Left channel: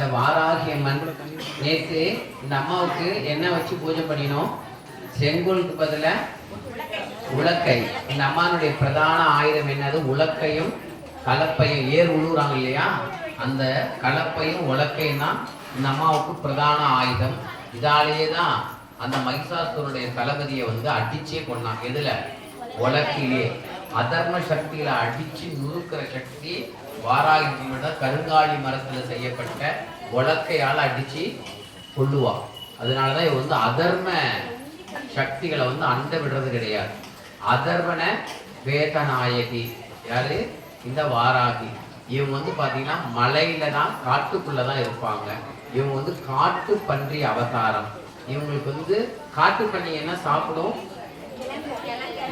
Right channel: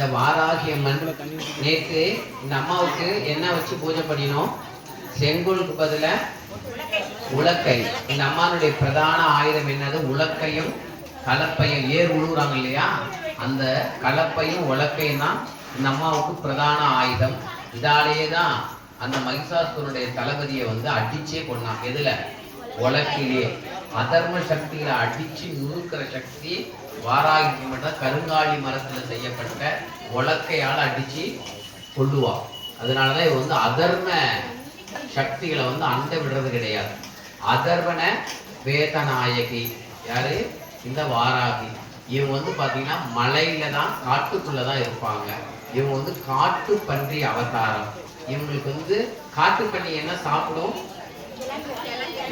இந்த வாராகி அம்மன் நேற்று இந்த அம்மாவுக்கு என்ன வச்சு பூஜை பண்ணினோம்? செங்கோலுக்கு பதில உலக்கை. இந்த அம்மானுடைய பிரதான ஆயுதம் என்னது? உலக்கையும் கலப்பையும். ஏர் உழுவுறாங்க இல்லையா, அந்த கலப்பையும் உலக்கையும் தான் இந்த அம்மாவுக்கு பிரதான ஆயுதம். இதாலேயே தான் அந்த மகிஷாசுரனுடைய தளபதியை அடிச்சே கொண்டான். எதுல? உலக்கிலே. அதர்ம சக்தியில அடிச்சு நுணுக்கிற சக்தி வாராகி கருங்காலி மரத்துல செய்யப்பட்ட உலக்கையால் அடிச்சு கொள்ளுவா. அதனாலதான் இவ அதர்ம சக்திகளை அண்ட விடுறது கிடையாது. அதர்வன வேதநாயகி யாரு? இந்த வாராகி. இவங்க பாத்தீங்கன்னா மலையில தான், காட்டுக்குள்ளதான் இருப்பாங்க. இவங்க காட்டு பன்றி அவதாரம். இவங்களுக்கு காட்டு பன்றி என்ன சாப்பிடும்?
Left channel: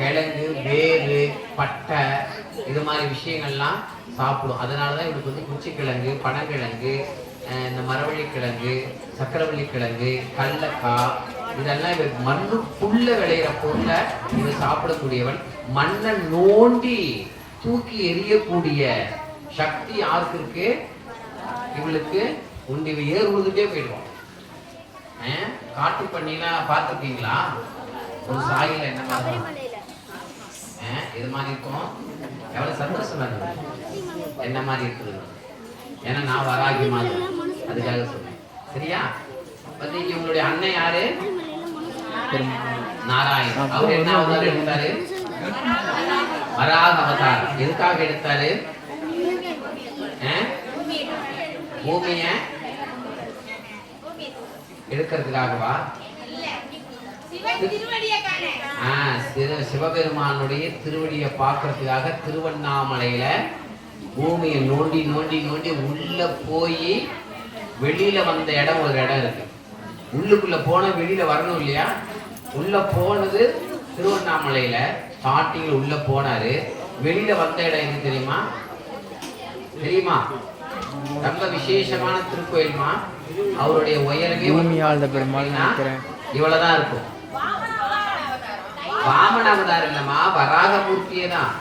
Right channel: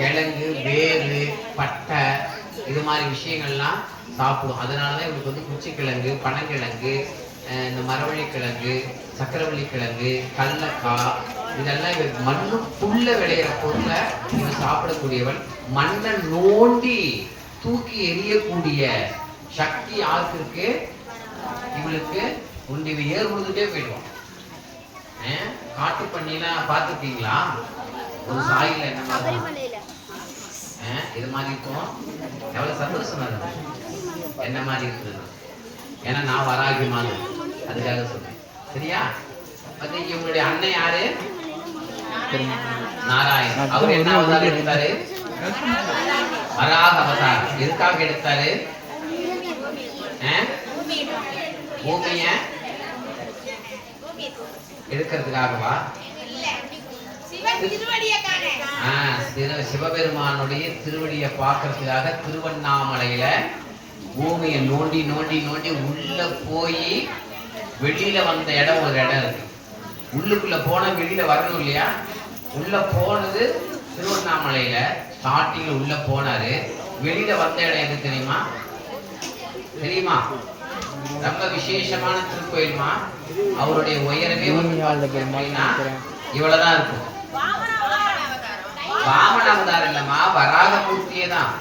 கிழங்கு, வேறு, பட்டை, இது மாதிரி விஷயங்கள்லாம் சாப்பிடும். அதனாலதான் இவங்களுக்கு குச்சிக்கிழங்கு, பனங்கிழங்கு, இந்த மரவள்ளி கிழங்கு, சக்கரவள்ளி கிழங்கு, கடலக்காய், இதெல்லாம் இவருக்கு மண்ணுக்குள்ள விளையிற பொருளை இவர் சாப்பிடக்கூடியவன். மண்ணை நோண்டி தூக்கி எரியக்கூடிய சக்தி யாருக்கு இருக்கு? இவளுக்கு உண்டு. இவ ஏர் உழுதுட்டே போயிடுவான். காட்டு பண்ணிலாம் பார்த்துருக்கீங்களா? ஒரு சாயில என்ன மாதிரி இது மாதிரி இருக்கும். எவ்வளவு சந்தோஷமா இருந்தது. என்ன மாதிரி இருக்குது? ஏன்னா நான் வராகி மாதிரி, அதுக்காக சொல்றேன். சரியா? பத்திரிக்கை உங்களுடைய அண்ணன் யாரு? நாராயணன். அவர் என்ன அவதாரம் எடுத்தாரு? வராக அவதாரம். எதுக்காக எடுத்தாரு? பூமிய எடுக்கிறதுக்காகவா? சிவபெருமானுடைய திருவடியை பார்க்கறதுக்காக திருவண்ணாமலையில பூமியை நோண்டி நோண்டி நோண்டி உள்ள போய் வெளியில வந்த இடம் ஒரு இடம் இருக்கு. உள்ளுக்குள்ள போன வெளியில வரணும் இல்லையா? உள்ள போனது திருவண்ணாமலையில ஸ்டார்டிங்ல உள்ள போனாரு. வெளியில வந்த இடம் எது தெரியுமா? தெரியுமா? ரொம்ப விசேஷமான திருக்கோயில்மா. அவருடைய உயரமே இவ்வளவுதான் இருக்கும். வாமன அவதாரம் இல்லம்மா, வராகமூர்த்தியே தான்.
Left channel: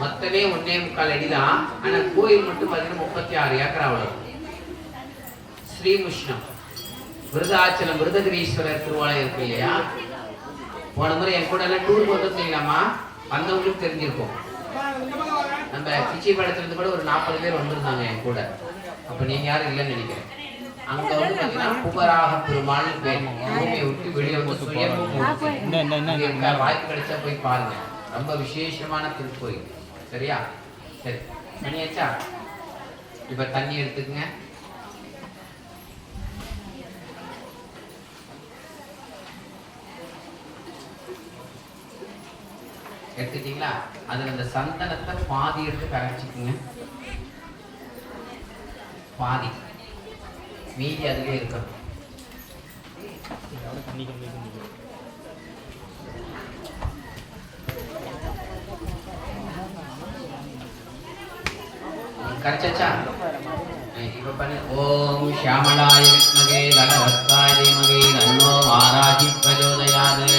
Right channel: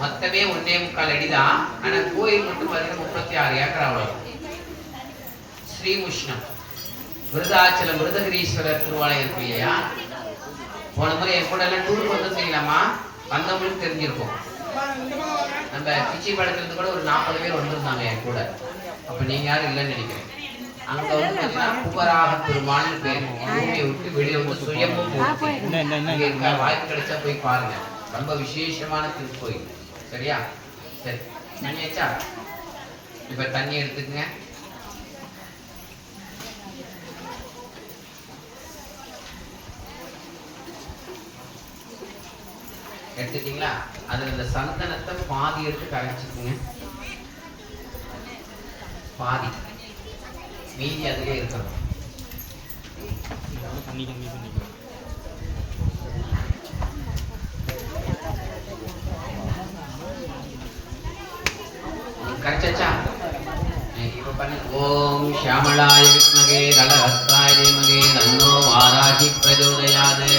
மொத்தமே 1.25 அடிதான். ஆனா கோயில் மட்டும் பாத்தீங்கன்னா 36 ஏக்கரா வரும். ஸ்ரீமுஷ்ணம் விருதாச்சலம் விருதகிரீஸ்வரர் திருவாலயம் இருக்கு இல்லையா? போன முறை என் கூட எல்லாம் டூருக்கு வந்திருந்தீங்களாமா? வந்தவங்களுக்கு தெரிஞ்சிருக்கும். நம்ம கிச்சி படத்துல இருந்து கூட ஒரு 40 பேர் வந்திருந்தாங்க என் கூட. அப்ப நீங்க யாரும் இல்லைன்னு நினைக்கிறேன். அங்க பாத்தீங்கன்னா புகராக பெருமாள் பேர். பூமியை விட்டு வெளியே சுயம்பு வாய்ப்பு கிடைச்சா போய் பாருங்க. ரொம்ப விசேஷமான திருக்கோயில். சரியா? சரி, தண்ணி ஆச்சா? இப்ப தண்ணி எடுத்துக்கங்க. எடுத்துட்டீங்களா? அதுல இந்த சந்தனத்தை பாதி எடுத்து கரைச்சிக்குங்க. பாதி, மீதி அதுவே இருக்கணும். கரைச்சாச்சா? இப்ப பண்ணி ஓம் ஷியாமளாய வித்மகே தலஹஸ்தாய தீமகி தன்னோ வாராகி பிரச்சோதயாத்.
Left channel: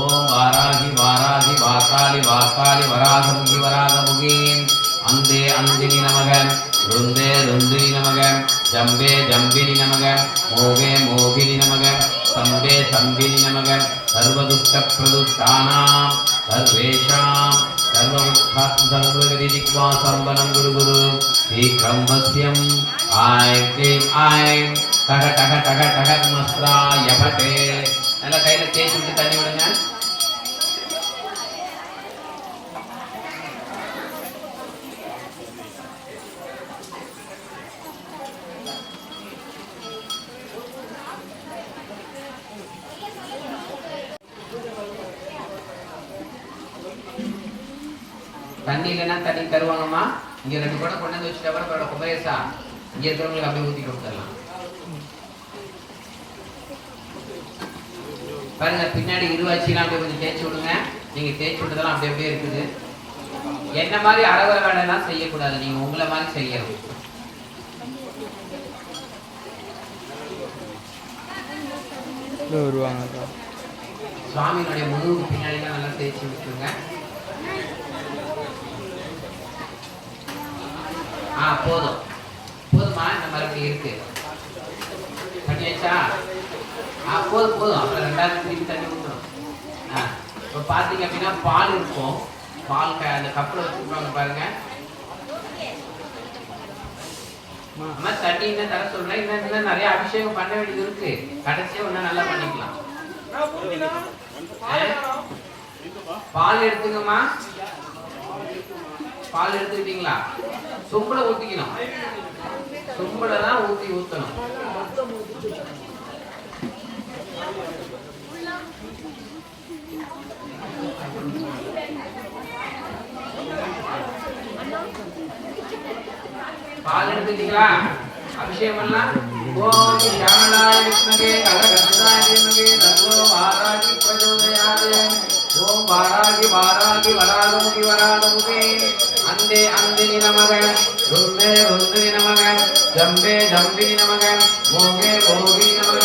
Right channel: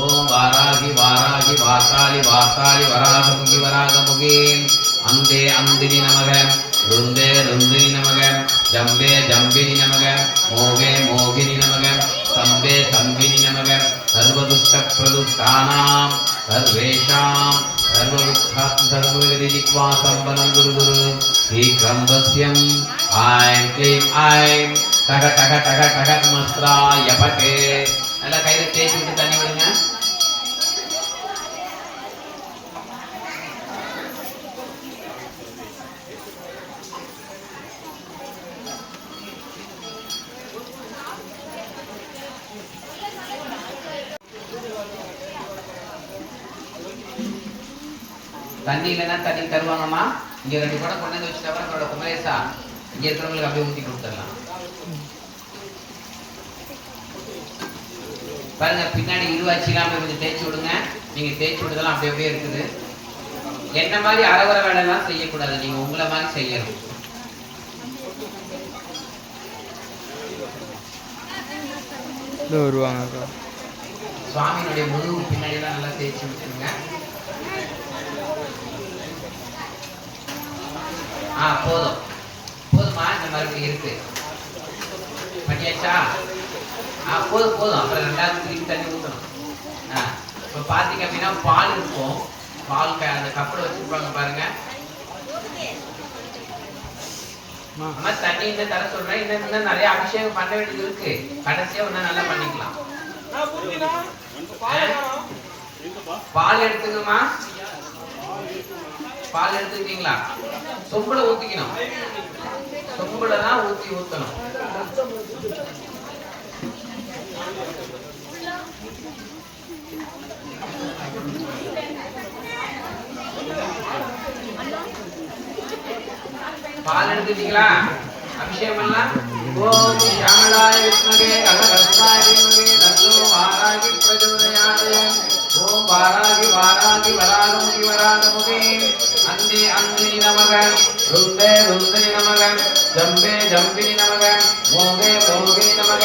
ஓம் வாராகி வாராகி வாக்காளி வாக்காளி வராகமுகி வராகமுகி. அந்தே அந்தினி நமக, ருந்தே ருந்தினி நமக, ஜம்பே ஜம்பினி நமக, மோகே மோகினி நமக, சம்பே சம்பினி நமக. சர்வதுஷ்ட பிரதுஷ்டானாம் சர்வேஷாம் சர்வமுக்தாஸ்து சர்வவிதிக்வா சம்பலம் குரு குரு ஸ்ரீகம்பஸ்யம் ஐம் க்ளீம் ஐம் டக டக டக டக மஸ்ராய பட்டே. எல்லாம் கையில தேய்ச்சி விட்டு தண்ணி விடுங்க. தண்ணி இல்லைன்னா தண்ணி தருவாங்கம்மா. இங்க 2 கூட கொண்டு வந்து வச்சுட்டு அப்புறம் குமரேசா இங்க இருக்கிறவங்களுக்கு அப்படியே ஊற்றி கொடுத்துடலாம். பாருங்க, பின்னாடி இருவாச்சிலாம் அப்படியே கொஞ்சம் தேய்ச்சி விடுங்க. நீங்க தேய்ச்சி விடுறதெல்லாம் அப்படியே அப்படியே இருக்குது. என்ன மாதிரி அரவர வேலைலாம் செய்யக்கூடாது. நீங்க உங்களை மாதிரி செய்யணும். சுவாமியினுடைய முதுகு பின்னாடிலாம் நல்லா தேய்ச்சி விட்டுருங்க. போதும் போதுமா, இந்த மறுபடியும் இருக்கு பண்ணியாச்சா? போதும் போதும். அப்புறம் ரெண்டாவது திருப்பி தண்ணி ஊற்றணும். இப்போ பார்த்தீங்க அப்படின்னா பால் இருக்கும், பால் அந்த கப்பில் வச்சுருப்பாங்க பாருங்க. அம்மா தண்ணி இன்னும் தர சொல்றேன். இன்னும் நிறைய அபிஷேகம் பண்ண வேண்டியது இருக்கு. கடைசியா ஒண்ணு நல்லா பண்ணிக்கலாம். பால் எடுத்துங்கம்மா. பால் எடுத்துக்கிட்டீங்களா? சொம்புல ஊத்திக்கணும். சொம்புல தான் ஊத்தணும். பால் எடுத்துட்டீங்களா? அபிஷேகம் எல்லாம் ஓம் ஷியாமளாய விஷ்ணுவே கலகஸ்தாய தீமகி தன்னோ வாராகி பிரச்சோதயாத். ஓம் வாராகி வாராகி வராகமுகி வராகமுகி அந்தே அந்தினி நமக ருந்தே ருந்தினி நமக ஜம்பே ஜம்பினி நமக மோகே மோகினி நமக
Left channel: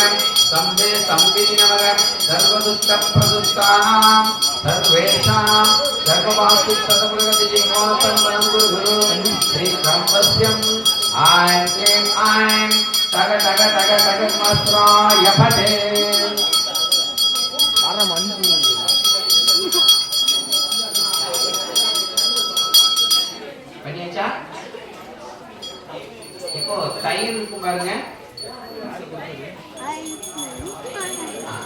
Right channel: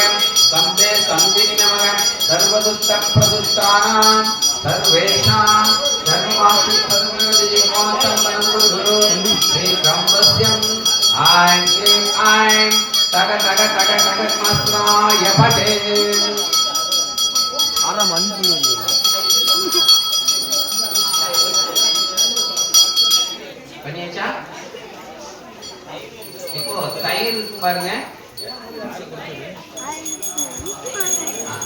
சம்பே சம்பினி நமக சர்வதுஷ்ட பிரதுஷ்டானாம் சர்வேஷாம் தர்மவாசி சதமிகதி மோனதம் வனம் குரு குரு ஸ்ரீ கம்பஸ்யம் ஐம் க்ளீம் ஐம் தக தக தக தக மஸ்ராய பதே. ஆனா மஞ்சி பண்ணியாச்சா? இப்போ தயிர் இருக்கும் பாருங்க.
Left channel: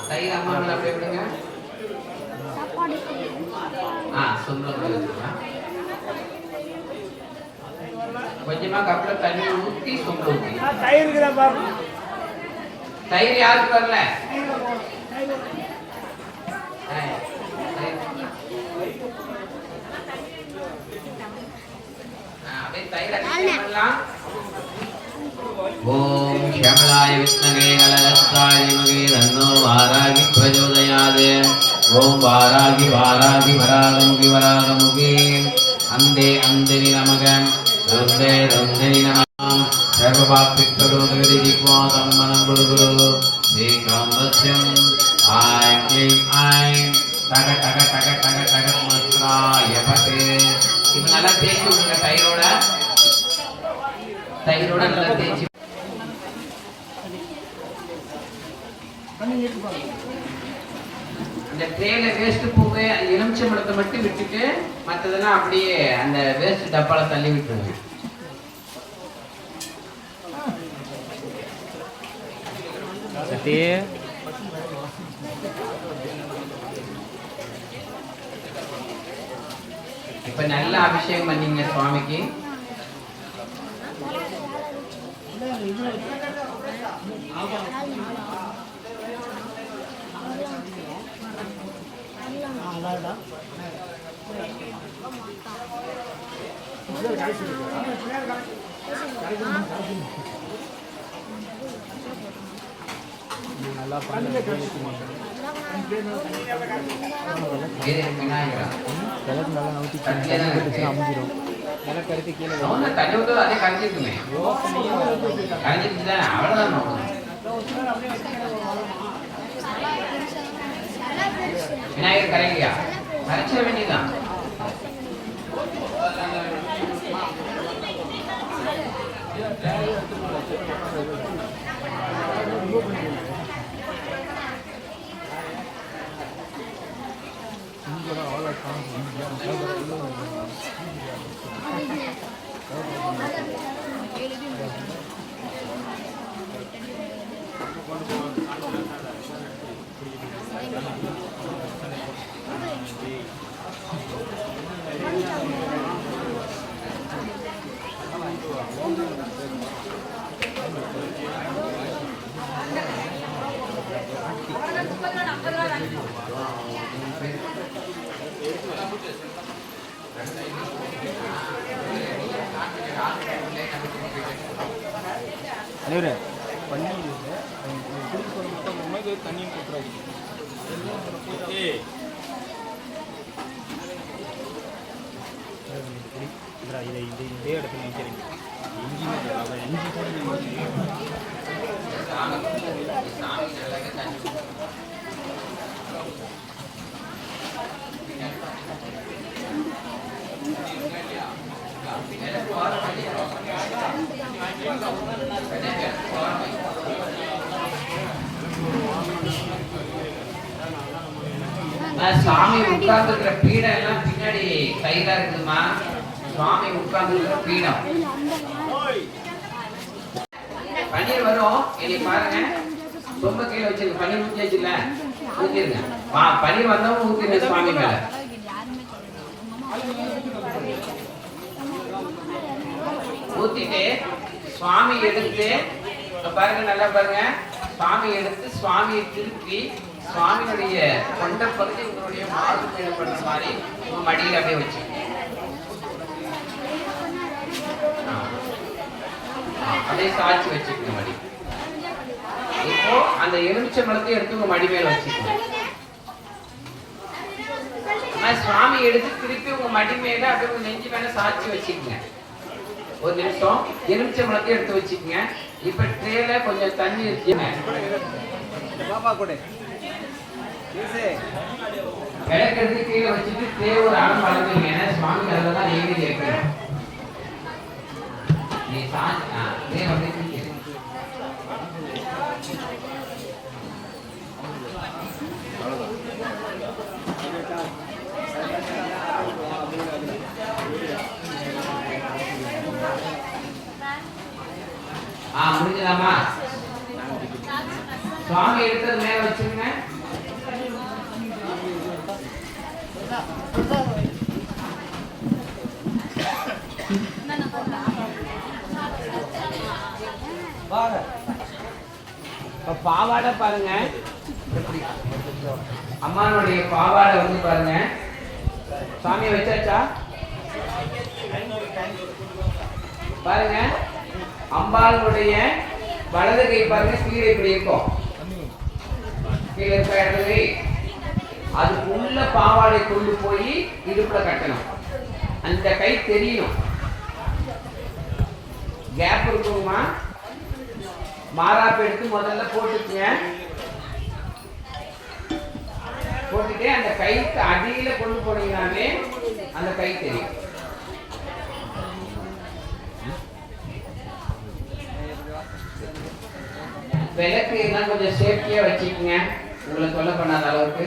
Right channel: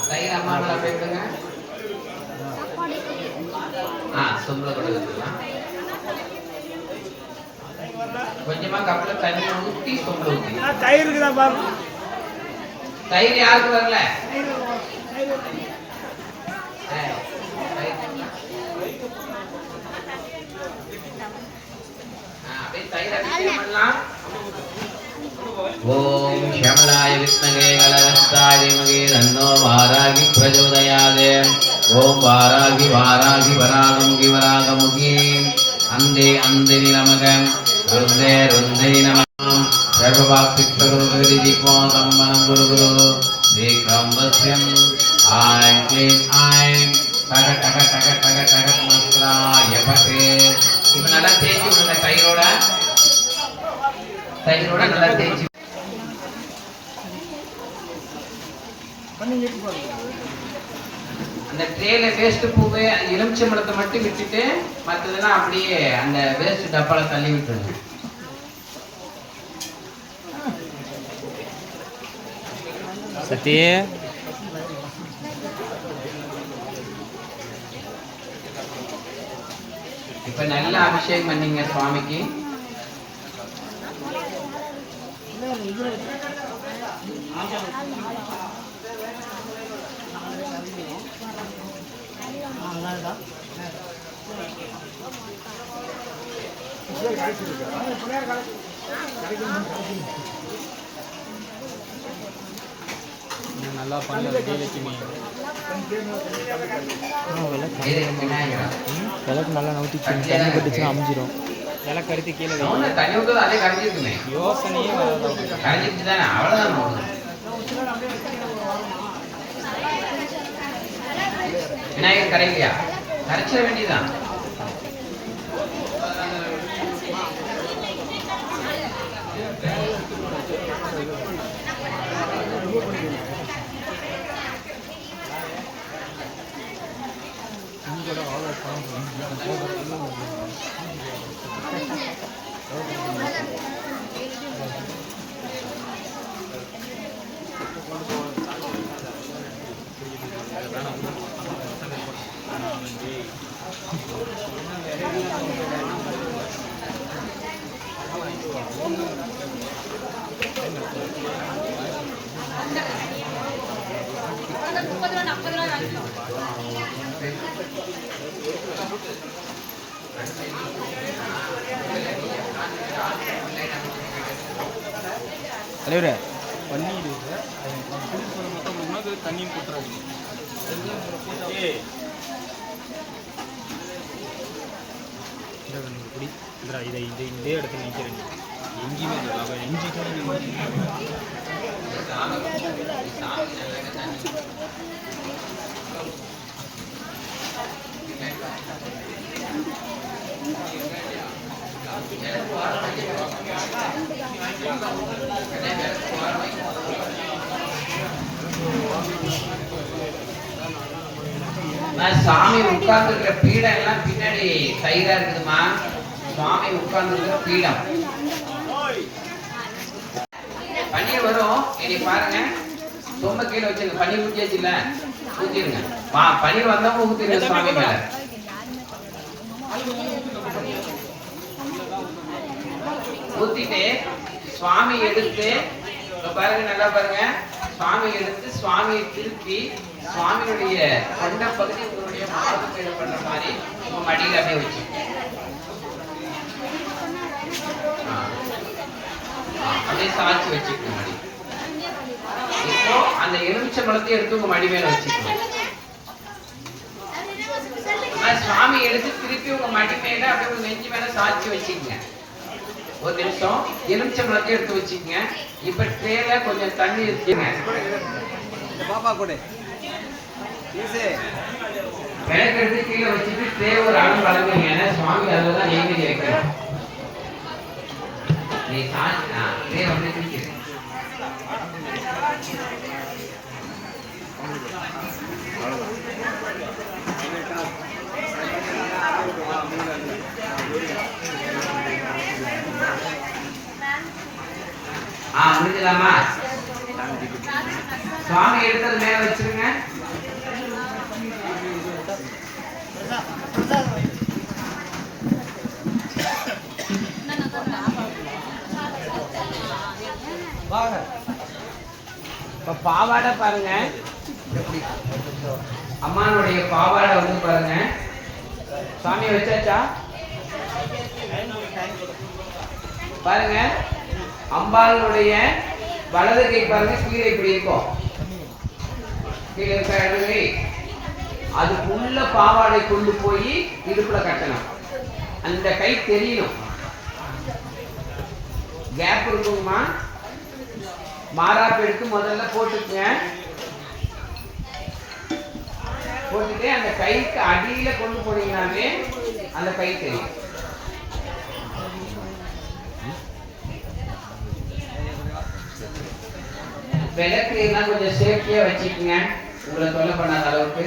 தயிர் அம்மா நல்லா போய் விடுங்க. சொம்புல கூட வச்சுக்கலாம். கொஞ்சமா கப்ல தண்ணி ஊத்தி சொம்புல ஊத்தி. தயிருக்கு தான் பாருங்க. தயிர் யாருக்கு வரல? அப்படியே தயிர் அபிஷேகம் பண்ணலாம். ஓம் ஷியாமளாய விஷ்ணவே கலகஸ்தாய தீமகி தன்னோ வாராகி பிரச்சோதயாத். ஓம் வாராகி வாராகி வராகமுகி வராகமுகி அந்தே அந்தினி நமக ருந்தே ருந்தினி நமக சர்வபாப்தி சர்வகதி ஜிக்வாதம் மனம் குரு குரு ஸ்ரீ கம்பஸ்யம் ஐம் க்ளீம் ஐம் தக தக தக தக தக மஸ்ராய பதே. இப்போ நல்லா தேய்ச்சி விடுங்க. தயிரோட நல்லா தேய்ச்சி. அந்த ட்ரேல வேஸ்ட் பூவே அந்த எலுமிச்சம்பழத்தை மட்டும் விட்டுட்டு மற்றதெல்லாம் அப்படியே அந்த வேஸ்ட் டப்பால தள்ளி விட்டுருங்க. சத்தி இப்ப நல்ல அபிஷேகம் பண்ணீங்க சுவாமிக்கு. நல்லா விளக்கு நல்லா நவுத்தி தண்ணி பட்டுச்சுன்னா அமைஞ்சிடும். விளக்கு எடுத்து கீழே தண்ணி விட்டு அதே கரைஞ்சிருக்குமே. யோசனையே கரைஞ்சிருச்சு தானே, அவ்வளோதான். விநாயகர் கரையிலையா? கரைச்சிட வேண்டியதுதான். தலைவரே பண்ணி தண்ணி போட்டுறாங்க. இதை இதே இடத்துல நிற்கிறேன். எங்கேயுமே எங்கேயுமே சாமி உட்கார்ந்து இருக்கிற பீடம் எல்லாம் பின்னாடி சைடா இருக்குதுமா. சுவாமி உட்கார்ந்து இருக்கிற பீடம் பன்னீர் வரும். இனி பாருங்க, ரொம்ப கீழே வச்சிருங்க. பன்னீர் ஊற்றியாச்சுல, ஊற்றிடுங்க. பன்னீர் வந்தவங்க ஊற்றிடுங்க சுவாமி மேல. ஊத்திட்டு சுவாமி எடுத்து பாருங்க, நல்லா பாருங்க. சுவாமி எடுத்து சுவாமியை திருப்பி சுவாமியுடைய கொண்ட பகுதி உங்களுடைய மார்பு பயிர் பண்ற மாதிரி உங்க மடியில அப்படியே வச்சு அப்படியே சாட்சி வச்சுக்கணும் மடி. இப்போ அந்த எலுமிச்சை பழத்தை எடுத்து உங்க மடி மேல வச்சுக்கணும். சுவாமி எடுத்து திருப்பி உங்க மடி மேல அப்படியே உங்க நெஞ்சு மேல சாட்சி வச்சுக்கங்க. ஒரு நிமிஷம் எலுமிச்சை பழத்தை எடுத்து வச்சுக்கங்க. இப்ப ட்ரேல கொஞ்சம் தண்ணி வச்சுங்க. கிழக்கு கீழே வச்சுட்டு ட்ரே ஒரு அளவு வளர்க்குங்க. ஏன்னா சுவாமி அளவுதான் நீங்க வைக்கணும். நீ ட்ரே வந்து முடிஞ்சலாமா? சுவாமி எடுத்தது மேல வச்சிருங்க. பாவாடை பாருங்க, அம்மானுடைய பாவாடை வந்து பாருங்க. சாமி வச்சாச்சா பாருங்க. அம்பாளுடைய வலது கை பாருங்க, கீழே இப்படி இருக்கும். கீழே இருக்க இடது கை அதுக்குள்ள பாவாடை கொண்டு போய் இடுப்புல கட்டணும். அந்த கை தெரியணும். கேப் இருக்குங்கம்மா. மாறாப்பு எடுத்து முதல்ல போட்டுக்குங்க. போட்டுட்டு அந்த கைக்கு அடியில கொண்டு போனீங்கன்னாலே அந்த கை தெரியும். விளக்கு எல்லாம் கொஞ்சம் சேஃப்டியா வச்சுக்கோங்க, உங்களை தொல்லை பண்ணாத அளவுக்கு.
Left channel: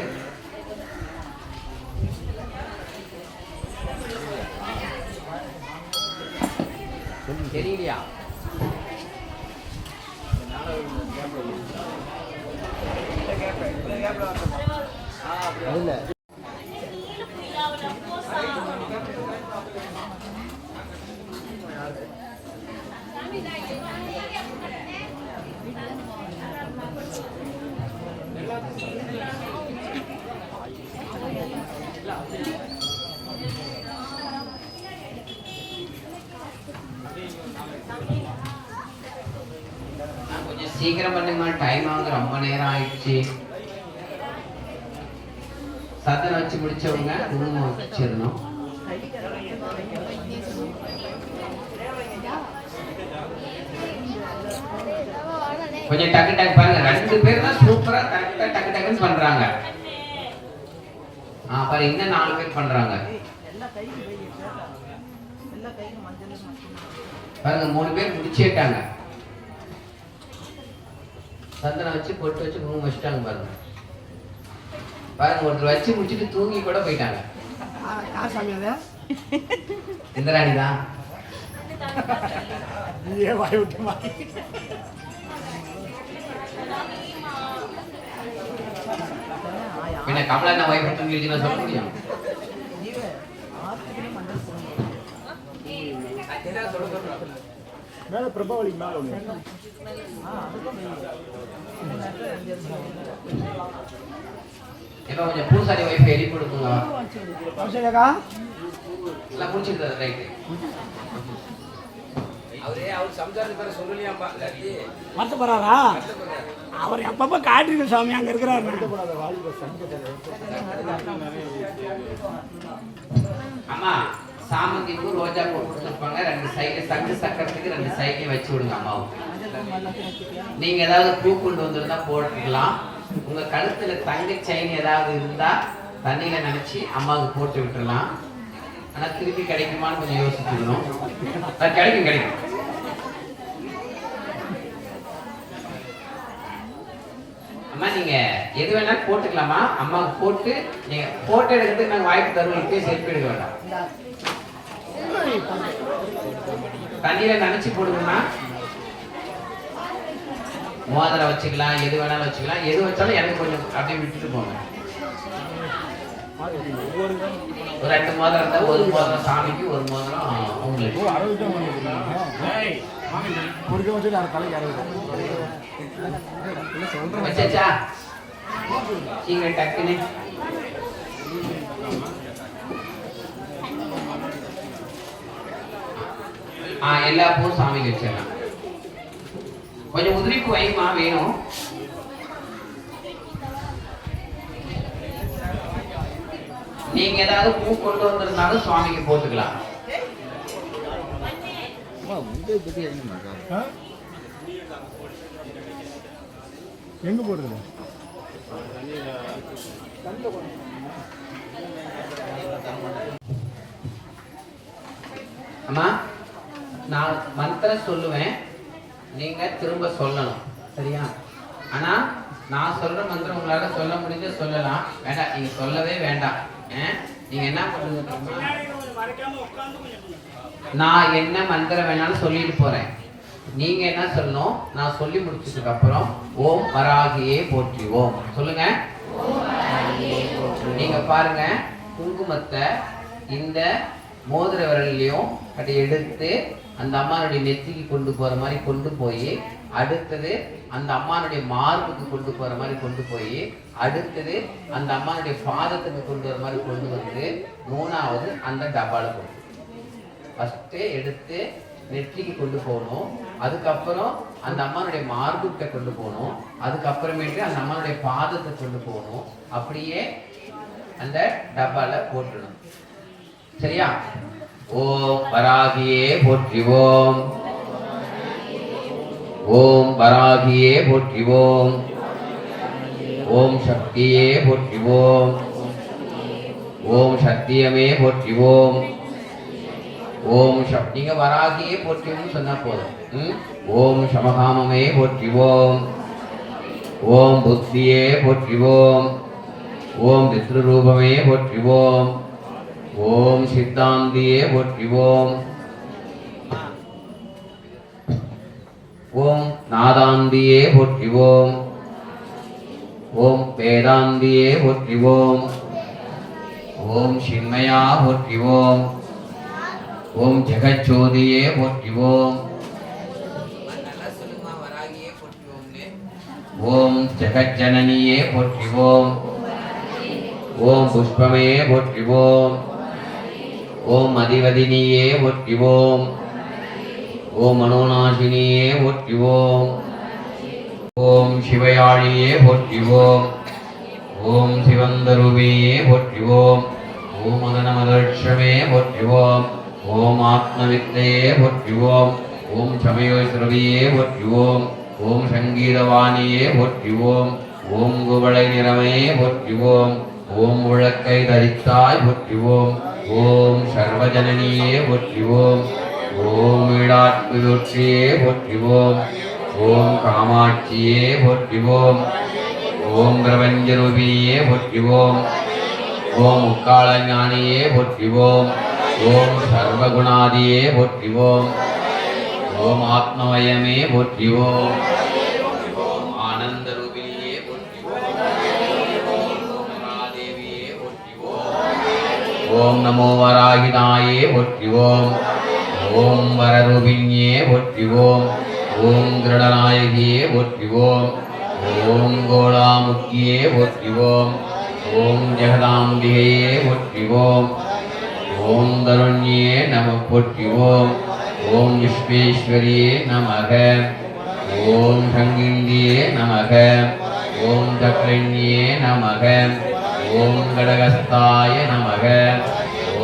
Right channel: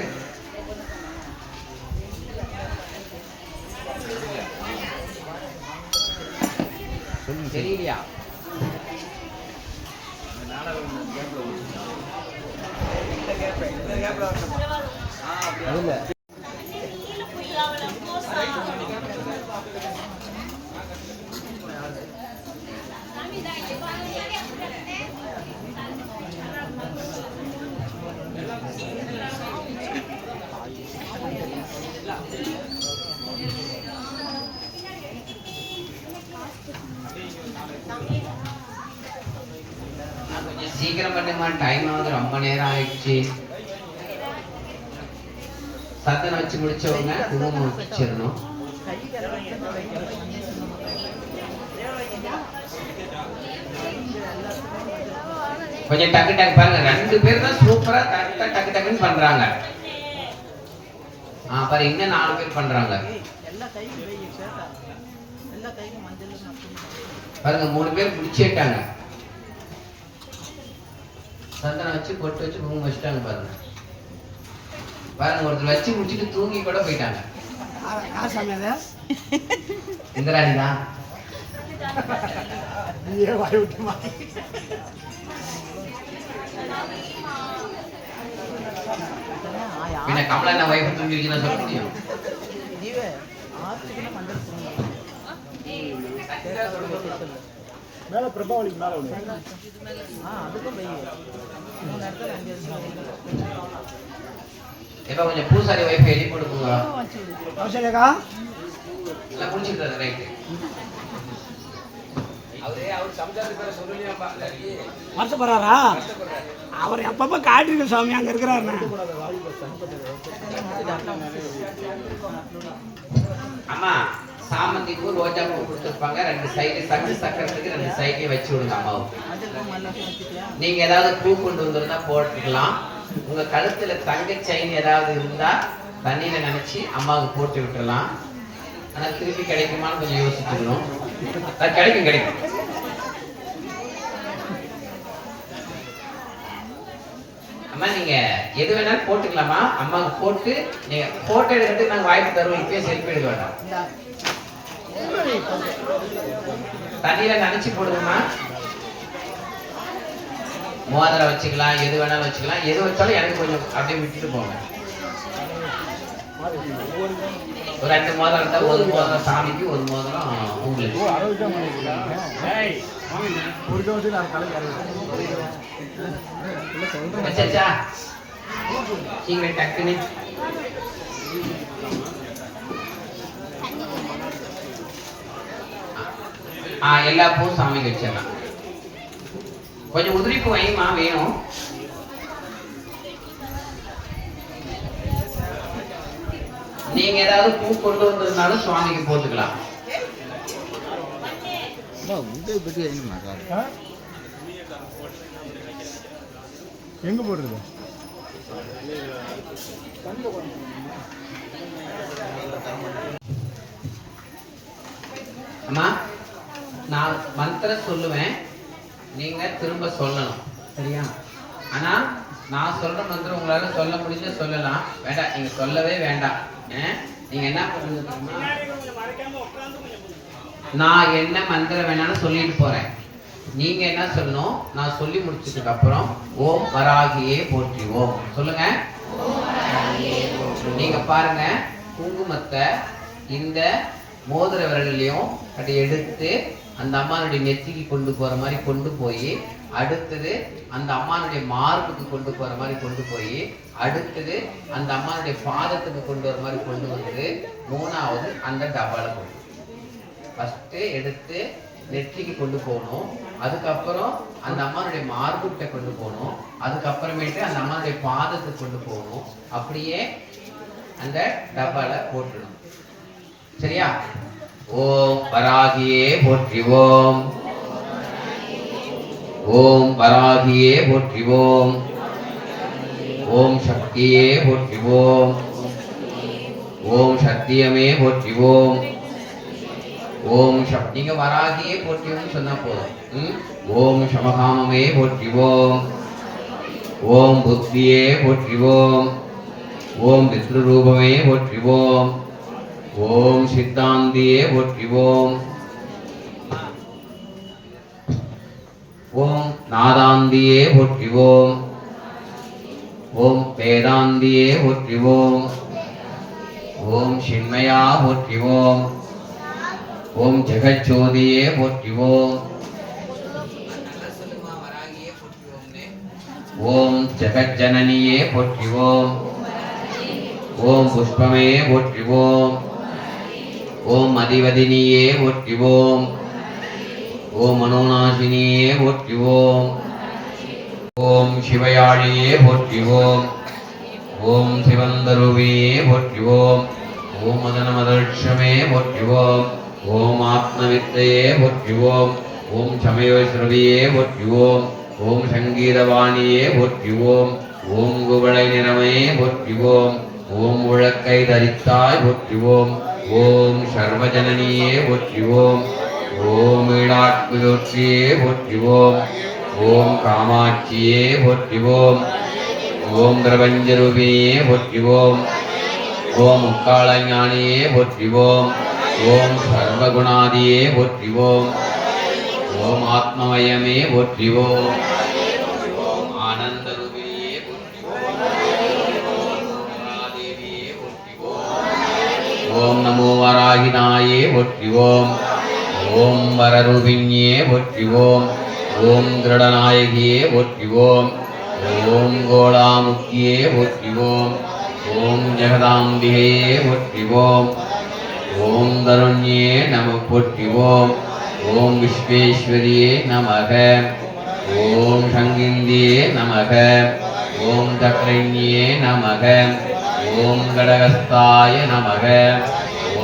தெரியலையா? கொஞ்சம் சீக்கிரம் பண்ணுங்க, டைம் வந்து ரொம்ப நேரம் ஆயிடுச்சு. சத்தியம் வச்சு முடிச்சவங்க குங்குமம் வச்சிடணும். கொஞ்சம் டக்கு டக்கு பாருங்க. 2 பேர் தான் சூப்பரா கரெக்டா டக்கு டக்குன்னு பண்றாங்க. பாரு, இன்னும் 4 பேர் பண்றாங்க பாருங்க. 3 பேர் முடிச்சிட்டாங்க. சந்தனம் வச்சு பொட்டு வச்சு குங்குமம் வச்சுட்டாங்க பாருங்க. பாருங்க, ஒருத்தர் வச்சு முடிச்சுட்டு தூங்கி கூட போயிட்டாங்க. இந்திராணி தான். பின்ன கமலா வைஃப் தூங்கிடுச்சுன்னா சொல்ல முடியும். இப்ப கொஞ்சம் பூசாரி வைஃப் எழுதி கொடுக்குங்க. எல்லாம் முடிச்சிருக்காரு ரைட்டு. வருத்தப்படுறாரா? அவர் எப்பப்ப காட்டிருக்க சாமி அங்க இருக்கிறாரு. அம்மா, சாமந்தி பூ ரோஜா பூ கொடுத்துருப்பாங்க. 2 சைடு சங்கு சக்கரத்துக்கு 2 சைடையும் வச்சு விடுங்க அம்மாவுக்கு. நீங்க ஏதாவது பூ கொண்டு வந்திருந்தா போட்டுக்கலாம். உங்க கழுத்துல தங்க செயின் ஏதாவது இருந்தா தண்ணியில நினைச்சு அம்மாவுக்கு போட்டு விட்டுறலாம். ஆனா திருப்பி கிடைக்குமான்னு கொஞ்சம் யோசிச்சுக்கணும். கிடைக்கும் கிடைக்கும். அம்மா நீங்க எது வேணாலும் போட்டுக்கலாமா? அம்மாவுக்கு போட்டு நீங்க போட்டோ எடுக்கிறதுக்கு நாங்க வாய்ப்பு தருவோம். இப்பயே செல்ஃபி எடுக்க வேண்டாம். தண்ணியில நனைச்சு போடுங்கம்மா. மோதிரம் வச்சுக்கலாம், எது வேணாலும் வச்சுக்கலாம். எது வச்சாலும் எனக்கு கொஞ்சம் அப்படியே விட்டுட்டு போங்க. ஒரு 2 மோதிரம் இருந்தா, ஒரு மோதிரம் சாமிக்கு, ஒரு மோதிரம் உங்களுக்கு. வச்சாச்சா? நீங்க டக்குன்னு எல்லா பூவும் சாமிக்கு வச்சிடலாம். கொஞ்சம் உதிரிப்பு வைமா வேணும். நீங்க ஏதாவது பூ கொண்டு வந்திருந்தாலும் சுவாமிக்கு போட்டுக்கலாம். எங்க போடுறது? அம்மா நான் மந்திரம் சொல்லுவேன், நீங்க திரும்ப சொல்லணும், சரியா? ஆனா நான் சொல்ற மந்திரம் உங்களால சொல்ல முடிஞ்ச சொல்லலாம், வேண்டாம் நீங்க சொல்லவே வேண்டாம். நீங்க என்ன பண்ணுங்க, நான் என்ன மந்திரம் வேணாலும் சொல்லிட்டு போறேன். நீங்க என்ன சொல்லணும், நான் சொல்லி முடிச்சதுக்கு அப்புறம் ஓம் வராகியே போற்றி ஓம் சொல்லுங்க. நீங்க பாருங்க, குங்குமத்தை இந்த மோதிர விரலையும் அப்படி எடுத்து அந்த அம்மானுடைய நெத்திக்கு கொண்டு போற மாதிரி கொண்டு போய், அடுத்தது அந்த அம்மானுடைய மார்புக்கு கொண்டு போற மாதிரி கொண்டு போய், அடுத்தது அந்த அம்மானுடைய பாதத்துக்கு கொண்டு வர மாதிரி கொண்டு வந்து, மூணாவது அந்த டப்பால கொண்டு ஃபர்ஸ்ட் எடுத்து நெற்றிக்கு கொண்டு போகணும். அதுக்கப்புறம் அந்த அம்மானுடைய மார்புகிட்ட கொண்டு போகணும். அதுக்கப்புறமேட்டு அந்த அம்மானுடைய பாதத்தை கொண்டு போகணும். அப்படியே அந்த டப்பால போட்டுடணும், சரியா? ஓம் வராகியே போற்றி ஓம். ஓம் வராகியே போற்றி ஓம். ஓம் சக்தியே போற்றி ஓம். ஓம் சத்தியமே போற்றி ஓம். ஓம் நீங்க வராகியே போற்றி ஓம் சொன்னா போதும். ஓம் சமகாமமே போற்றி ஓம். ஓம் புத்தியே போற்றி ஓம். ஓம் பித்ருரூபமே போற்றி ஓம். ஓம் சித்தாந்தியே போற்றி ஓம். ஓம் நாதாந்தியே போற்றி ஓம். ஓம் வேதாந்தியே போற்றி ஓம். ஓம் சின்மயா போற்றி ஓம். ஓம் ஜெகஜோதியே போற்றி ஓம். ஓம் ஜெகஜனனியே போற்றி ஓம். ஓம் புஷ்பமே போற்றி ஓம். ஓம் அதிவதினியே போற்றி ஓம். ஓம் மனோநாசினியே போற்றி ஓம். ஓம் சிவயாழியே போற்றி ஓம். ஓம் சிவந்தரூபியே போற்றி ஓம். ஓம் மதனமதர்ஷமே போற்றி ஓம். ஓம் ஆத்மவித்தையே போற்றி ஓம். ஓம் சமயோஸ்ரவியே போற்றி ஓம். ஓம் சங்கீதவாணியே போற்றி ஓம். ஓம் குவளை நிறமே போற்றி ஓம். ஓம் உழக்கை தரித்தாய் போற்றி ஓம். ஓம் சர்வஜனனியே போற்றி ஓம். ஓம் ஈடாட்சியே போற்றி ஓம். ஓம் காமாட்சியே போற்றி ஓம். ஓம் பிரபஞ்சரூபியே போற்றி ஓம். ஓம் முக்காள ஞானியே போற்றி ஓம். ஓம் சர்வகுணாதியே போற்றி ஓம். ஓம் ஆத்மமயமே போற்றி ஓம். ஆனந்த ரூபிணியே போற்றி ஓம். கமலாதேவியே போற்றி ஓம். ஓம் நமோ வராகினாயே போற்றி ஓம். ஓம் வரரூபிணியே போற்றி ஓம். ஓம் திருடநாயகியே போற்றி ஓம். ஓம் கோலாமுக்கியே போற்றி ஓம். ஓம் ஜெகதாம்பிகையே போற்றி ஓம். ஓம் தருண்யே நம போற்றி ஓம். ஓம் விஸ்வேஸ்வரியே நமக. ஓம் சங்கிந்தியே நமக. ஓம் தக்ரண்யே நமக. ஓம் கடகஸ்தாய நமக.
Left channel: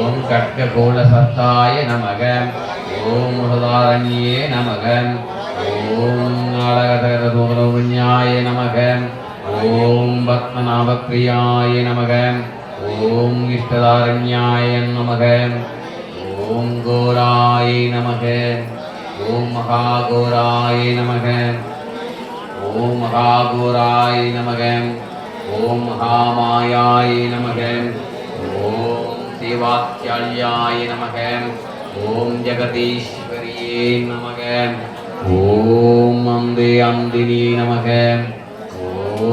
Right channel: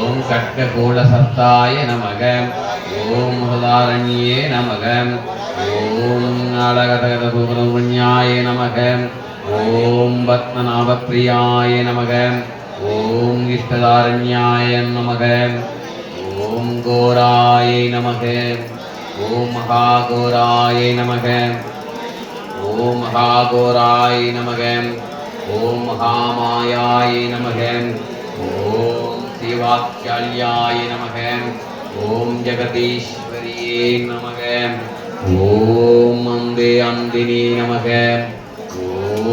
ஓம் கட்ககூலசத்தாய நமக. ஓம் முருதாரண்யே நமக. ஓம் நாடகதகதூபதூர்ஞாய நமக. ஓம் பத்மநாபப்ரியாய நமக. ஓம் இஷ்டதாரண்யாய நமக. ஓம் கோராய நமக. ஓம் மகாகோராய நமக. ஓம் மகாகோராய் நமக. ஓம் மகாமாயாய் நமக. ஓம் தேவாத்யாயாய நமக. ஓம் ஜெகதீஸ்வரியே நமக. ஓம் அந்தே அந்தினி நமக.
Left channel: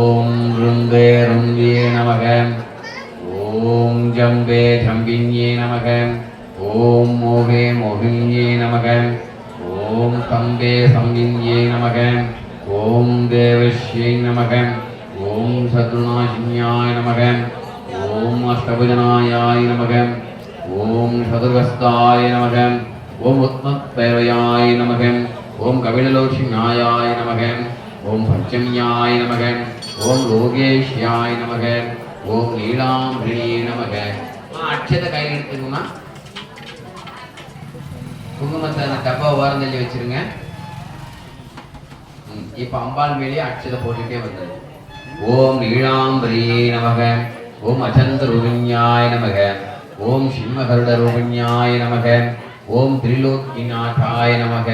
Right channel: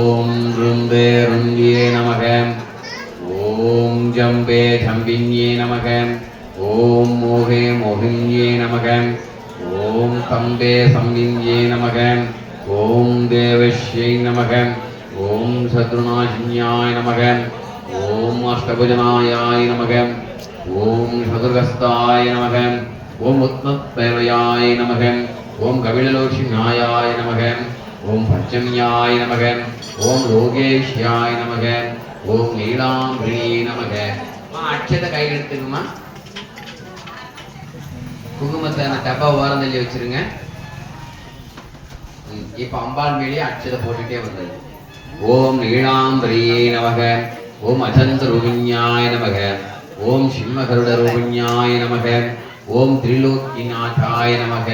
ஓம் ருந்தே ருந்தியே நமக. ஓம் ஜம்பே ஜம்பின்யே நமக. ஓம் மோகே மோகின்யே நமக. ஓம் தம்பே சம்பின்யே நமக. ஓம் தேவஸ்யை நமக. ஓம் சத்ருநாசின்யாய நமக. ஓம் அஷ்டபுஜனாயாய நமக. ஓம் சதுர்கஸ்தாய நமக. ஓம் உத்மத்பைரயாய நமக. ஓம் கபிலலோஷிஞாயாய நமக. ஓம் பஞ்சம்யாய நமக. ஓம் லோகேஷ்யாய நமக. ஓம் நீலாம்பிரியே நமக. அட்சத்தை கையில் எடுத்துக்கமா. குங்குமத்தை அந்த டப்பா ஓரம் தள்ளி வச்சிருங்க. இப்ப அம்பாள் மேலே அட்சதை போட்டுட்டே வந்தது. ஓம் நீலாம்பிரியே நமக. ஓம் அச்சந்திரூபிண்யாய நமக. ஓம் சிம்மகருட ரூபிண்யாய நமக. ஓம் திரிலோக்கிநாதாய நமக.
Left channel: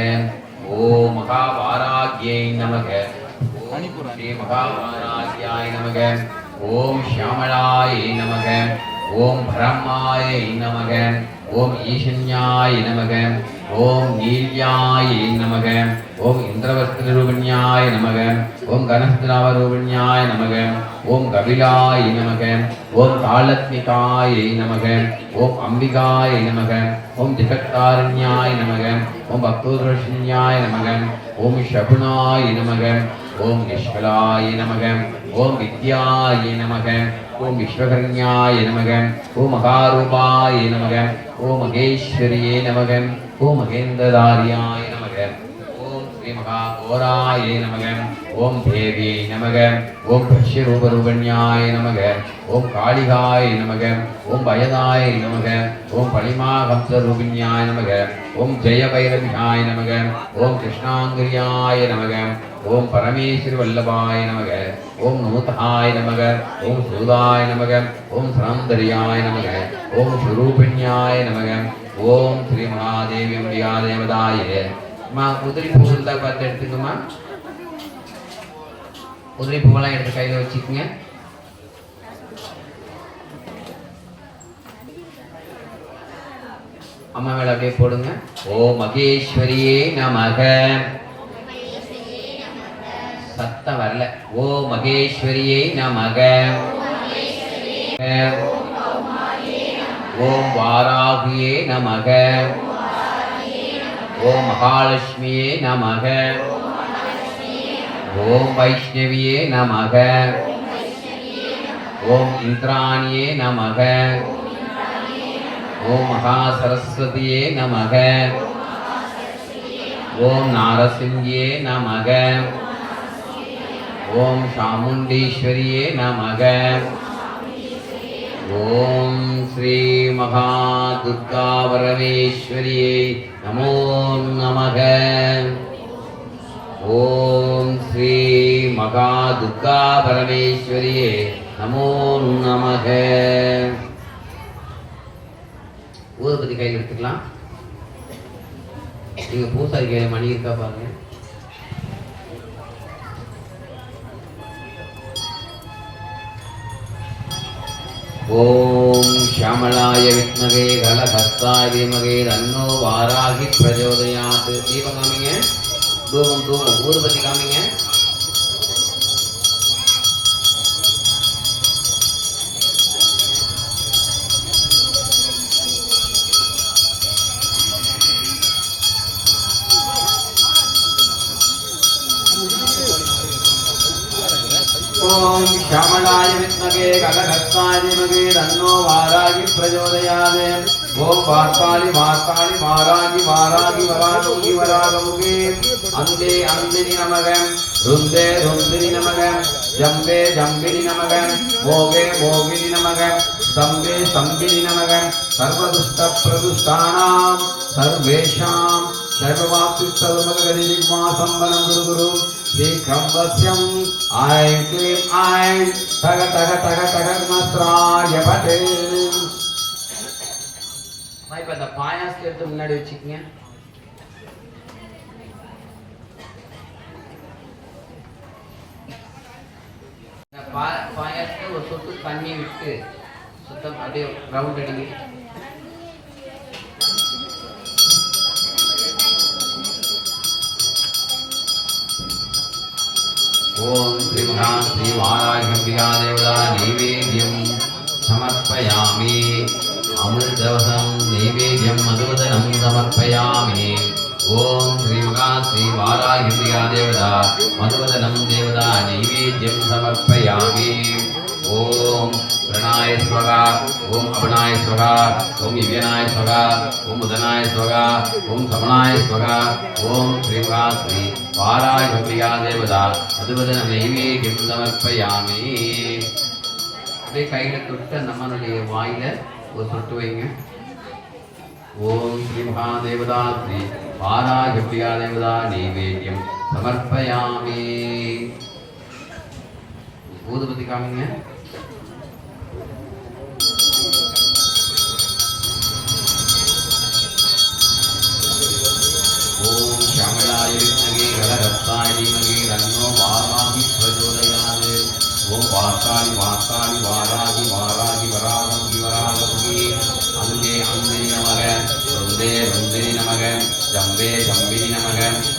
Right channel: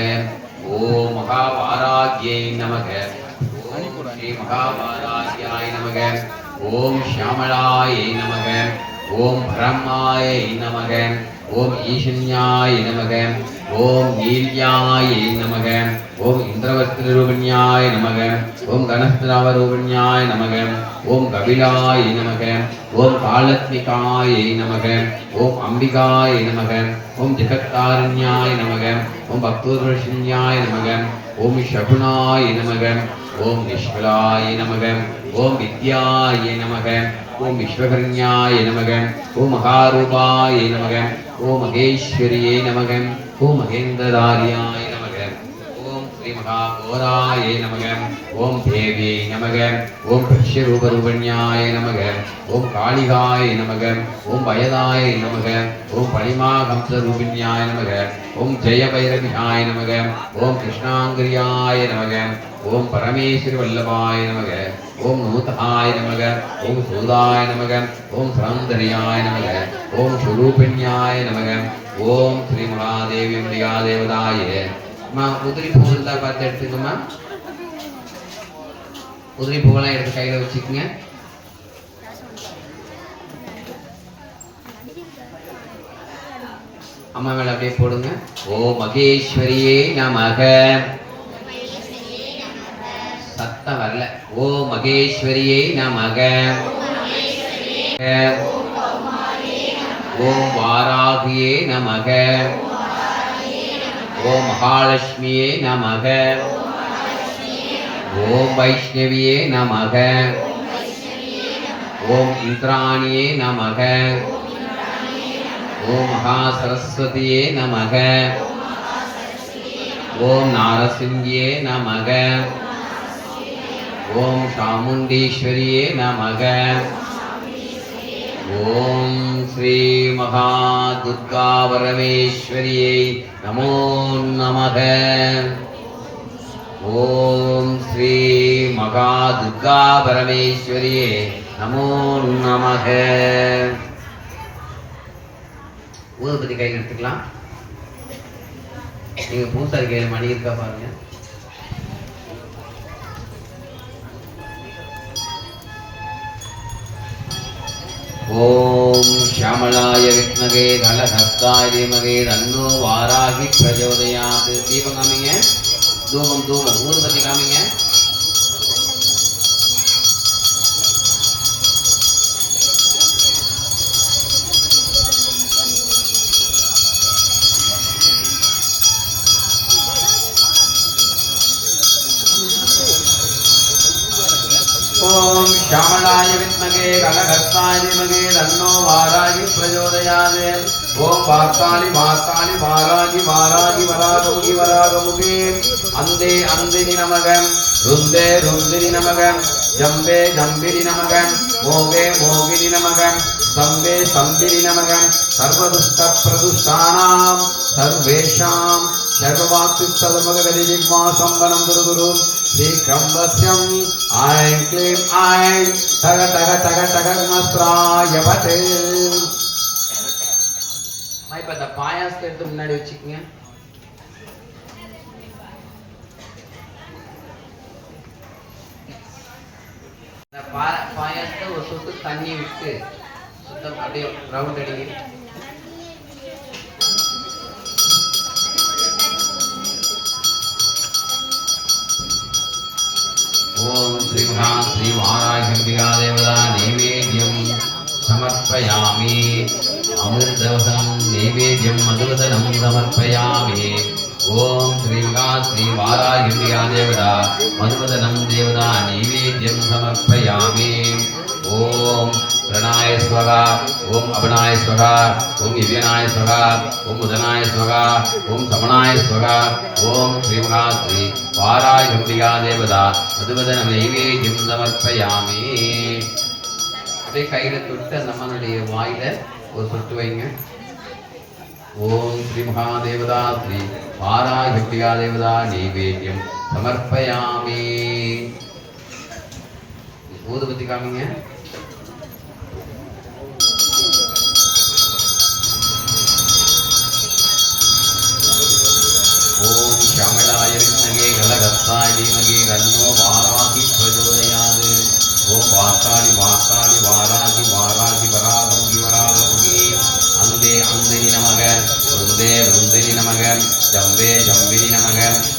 ஓம் மகாவாராக்யை நமக. ஓம் ஸ்ரீ மகாவாராக்யாய நமக. ஓம் ஷியாமளாய நமக. ஓம் பிரம்மாய நமக. ஓம் ஈசன்யாய நமக. ஓம் நீல்யாய நமக. ஓம் இந்திரவஸ்திரூபிண்யாய நமக. ஓம் கணஸ்திரவரூபிண்யாய நமக. ஓம் கபிலாய நமக. ஓம் காலத்மிகாய நமக. ஓம் அம்பிகாய நமக. ஓம் ஜெகத்தாரண்யாய நமக. ஓம் பக்தோதர்ஷின்யாய நமக. ஓம் சகுனாய நமக. ஓம் நிஷ்கலாய நமக. ஓம் வித்யாய நமக. ஓம் விஸ்வகர்ணியாய நமக. ஓம் மகாரூபாய நமக. ஓம் மகேஸ்வரியே நமக. ஓம் மகேந்திரதாரியாய நமக. ஓம் ஸ்ரீ மகாகோராய நமக. ஓம் தேவியை நமக. ஓம் பிரஷ்யரூபரூபண்யாய நமக. ஓம் காளிகாய நமக. ஓம் பயதாய நமக. ஓம் பளிமாகம்சரூபிண்யாய நமக. ஓம் ஜெயபைரவியாய நமக. ஓம் கிருஷ்ணாங்கிரியாய நமக. ஓம் பரமேஸ்வரி வல்லபாய நமக. ஓம் நூதஹாய நமக. ஓம் சூதாய நமக. ஓம் சரந்தரியாய நமக. ஓம் சுரூபிண்யாய நமக. ஓம் ஸ்ரீ மகாதேவி அம்பிகா தேவதாய. உதிரி பூ இருந்தா பார்த்து எடுத்துக்குமா. உதிரி பூவெல்லாம் எடுத்து கையில வச்சுக்கோங்க. அம்மா மேல அப்படியே போடுங்க. ஓம் மகேஸ்வரியே நமக. சத்தம் வரல. ஓம் மகேஸ்வரியே நமக. ஓம் வாராகியே நமக. ஓம் மகாலட்சுமியே நமக. ஓம் வைஷ்ணவியே நமக. ஓம் இந்திராணியே நமக. ஓம் மகா சரஸ்வதியே நமக. ஓம் நாரசிங்கியே நமக. ஓம் சாமுண்டீஸ்வரியே நமக. ஓம் ஸ்ரீ மகா துர்கா பரமேஸ்வரியே நமோ நமக. ஓம் ஸ்ரீ மகா துர்கா பரமேஸ்வரியே நமோ நமக. ஊதுபத்தி கையில் எடுத்துக்கலாம். நீங்க பூசாரி கையில மணி இருக்கா பாருங்க. ஓம் ஷியாமளாய வித்மகே கலஹஸ்தாய தீமகே தன்னோ வாராகி பிரச்சோதயாத். தீபம் காமிங்க. தூபம் தூபம் ஊதுபத்தி காமிங்க. ஓம் ஷியாமளாய வித்மகே கலஹஸ்தாய தீமகே தன்னோ வாராகி பிரச்சோதயாத். ஓம் வாக்காளி வாக்காளி வாராகி வாராகி வராகமுகி வராகமுகி. அந்தே அந்தினி நமக. ருந்தே ருந்தினி நமக. ஜம்பே ஜம்பினி நமக. மோகே மோகினி நமக. ஸ்தம்பே ஸ்தம்பினி நமக. சர்வதுஷ்ட பிரதுஷ்டானாம் சர்வேஷாம் சர்வவாக்கு சர்வமகதிஜிக்மா சம்பனம் குரு குரு. ஸ்ரீகம்பஸ்யம் ஐம் க்ளீம் ஐம் தக தக தக தக மஸ்ராய பட்டே. இப்ப இந்த பாயாசத்தை எடுத்து முன்னாடி வச்சுக்கோங்க. ஒரு சொட்டு தண்ணி விட்டு சுத்தம் அப்படியே ரவுண்ட் அடிங்க. ஓம் ஸ்ரீ மகா ஸ்ரீ வாராகிம்பிகா தேவதா நைவேத்யம் சமர்ப்பயாமி. அமிர்தவசம் நைவேத்யம் மதுவதனம் சமர்ப்பயாமி. ஓம் ஸ்ரீ மகா ஸ்ரீ வாராகிம்பிகா தேவதா மதுவதனம் தேவதா நைவேத்யம் சமர்ப்பயாமி. ஓம் பிரணாய ஸ்வகா, ஓம் அபனாய ஸ்வகா, ஓம் இவ்யனாய ஸ்வகா, ஓம் உதனாய ஸ்வகா, ஓம் சமனாய ஸ்வகா. ஓம் ஸ்ரீ மகா ஸ்ரீ வாராகிம்பிகா தேவதா மதுவதனம் நைவேத்யம் சமர்ப்பயாமி. அப்படியே கையில தொட்டு அந்த அம்மனுடைய வாயில ஒரு சொட்டு வைங்க. ஓம் ஸ்ரீ மகாதேவதா ஸ்ரீ வாராகிம்பிகா தேவதா நைவேத்யம் சமர்ப்பயாமி. ஊதுபத்தி காமிங்க. ஓம் ஷாமளாய வித்மகே கலகத்தாய தீமகே தன்னோ வாராகி பிரச்சோதயாத். ஓம் வாராகி வாராகி வாராகி வாராகி வராகி வராகி. அந்தே அந்தினி நமக, ருந்தே ருந்தினி நமக, ஜம்பே ஜம்பினி நமக,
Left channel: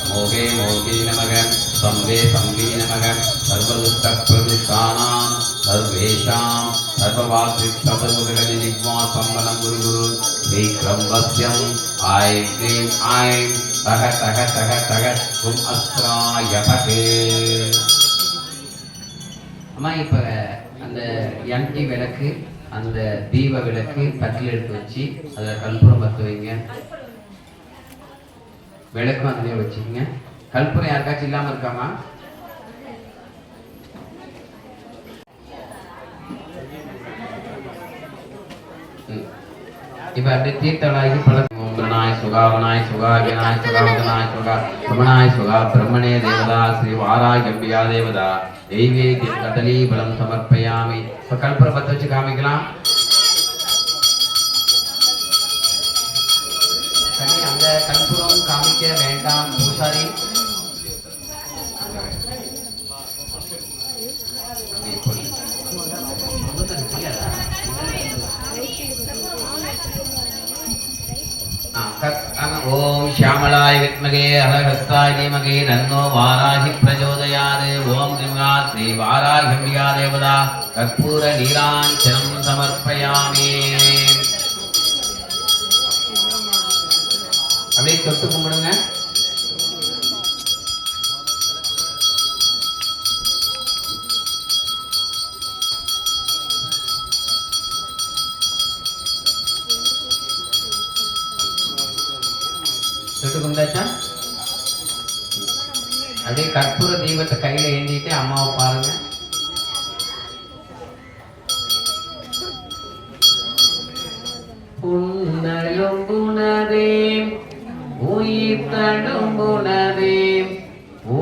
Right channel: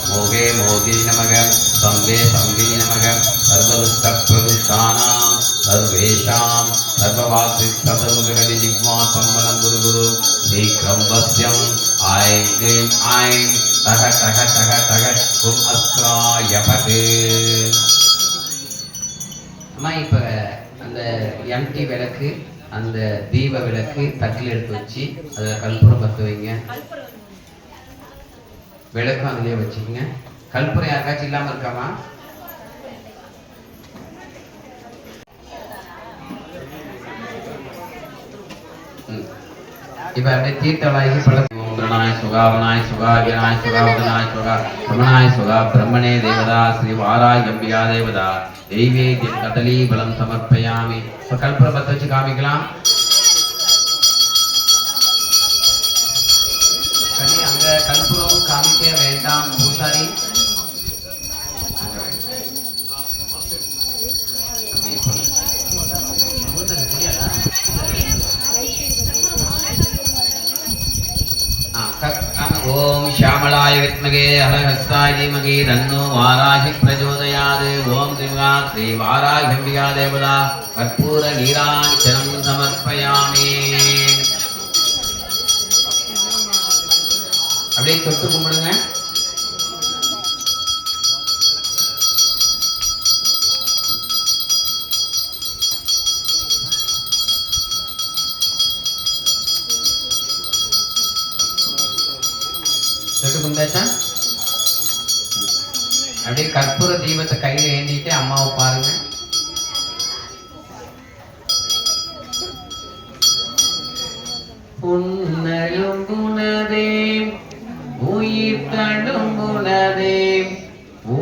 மோகே மோகினி நமக, சம்பே சம்பினி நமக. சர்வதுஷ்ட பிரதிஷ்டானாம் சர்வேஷாம் சர்வவாசித்தபருகதி ஜிஹ்வா சம்பலம் குரு குரு சீக்கிரம் வஸ்யம். ஐம் க்ரீம் ஐம் தக தக தக தக கும் அஸ்ராய பகே. அம்மா இப்போ அந்த எம்டி விளக்கு, அந்த தீப விளக்கு தட்டில் எடுத்து வச்சு அதில் கற்பூரம் பற்ற வைங்க. விளக்கும் அதுலேயே வச்சுக்கோங்க. கற்பூரம் யாருக்காச்சும் இல்லாமல் இருக்காமா? இப்போ அப்படியே தீர்த்தவாய்க்கு பல ஓம்ரணாய சுகா வனாய சுகா வினாய சுகா வதனாய சுகா சமனாய சுகா பிரம்மணே தேவதா ஸ்ரீ வாராகிம்பிகா தேவதா தெய்வேத்யம் கதலீ பலம் சமர்ப்பயாமி. இப்போ கற்பூரம் பற்ற வச்சு காமிக்கலாம். கனி அங்க கற்பூரம் காமிக்க வேண்டாம் பூசாரி. ஓம் ஷாமளாய வித்மகே ஹலஹஸ்தாய தீமகி தன்னோ வாராகி பிரச்சோதயாத். ஓம் ஸ்ரீமகா ஸ்ரீ வாராகிம்பிகா தேவதா கற்பூர நீராஞ்சனம் சமர்ப்பயாமி. அப்படியே தொட்டு கும்பிடுங்க. தொட்டு கும்பிட்டாச்சா? அப்படியே கற்பூர தீபத்தை கையில ஏந்திட்டு அம்மாவை பாருங்க. புன்னழும்புனதே உயிர் தழும்புனதே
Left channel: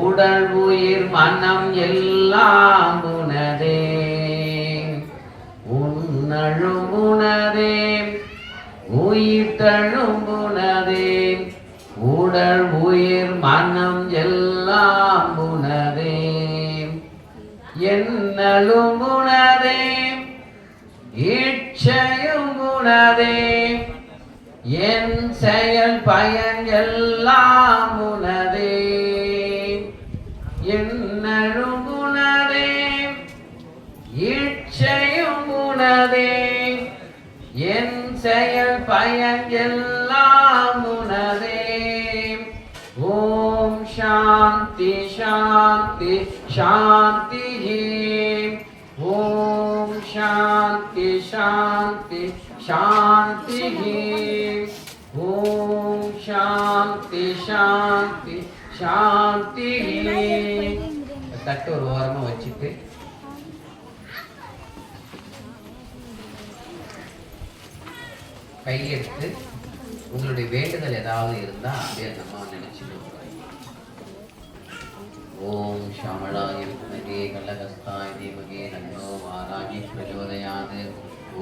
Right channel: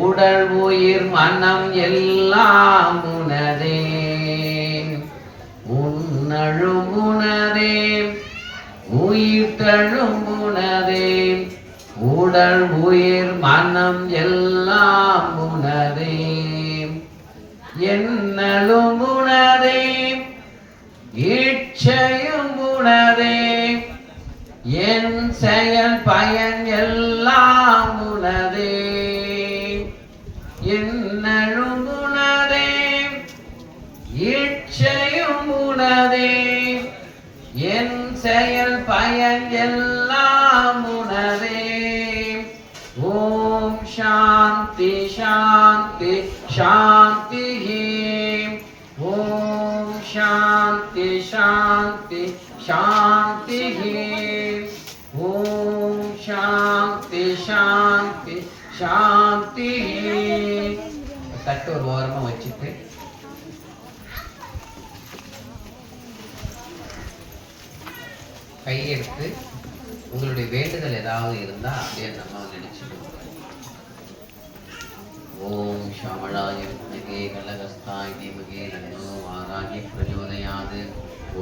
உடல் உயிர் மனம் எல்லாம் புனதே. உன்னழும்புனதே உயிர் தழும்புனதே உடல் உயிர் மனம் எல்லாம் புனதே. என்னலும் புனதே இச்சையும் புனதே என் செயல் பயன் எல்லாம் புனதே. என்னலும் புனதே இச்சையும் புனதே என் செயல் பயன் எல்லாம் புனதே. ஓம் சாந்தி சாந்தி சாந்தி. ஓம் சாந்தி சாந்தி சாந்தி. ஓம் சாந்தி சாந்தி சாந்தி. தட்டு ஒரு ஓரமா வச்சுட்டு கையெடுத்து உங்களுடைய வேண்டுதல் ஏதாவது இருந்தா அப்படியே நம்ம நினைச்சுக்கோங்க. ஓம் ஷாமளாய வித்மகே கலஹஸ்தாய தீமகி தன்னோ வாராகி பிரச்சோதயாத்.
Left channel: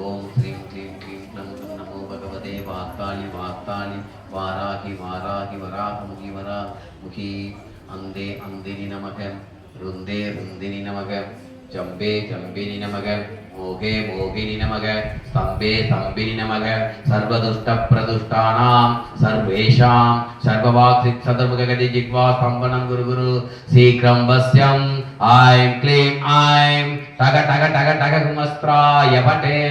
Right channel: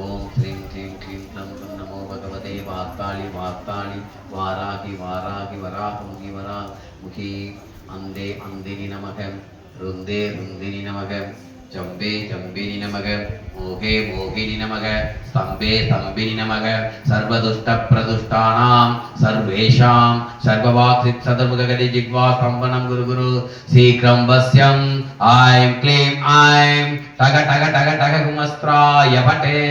ஓம் ஸ்ரீம் க்ரீம் க்ரீம் க்ளம் க்ளம் நமோ பகவதே வார்த்தாளி வார்த்தாளி வாராகி வாராகி வராகமுகி வராமுகி. அந்தே அந்தினி நமக, ருந்தே ருந்தினி நமக, ஜம்பே ஜம்பினி நமக, मोघे मोहिनी नमः स्तंभे स्तंभिनी नमः सर्वदुष्ट प्रदुष्टानां सर्वेषां सर्ववाक्सित सदमुखगति जिह्वा स्तंभनं गुरु गुरु शीघ्रं वश्यं ऐं क्लीं ऐं टग टग टग टग गुमस्त्राय वटे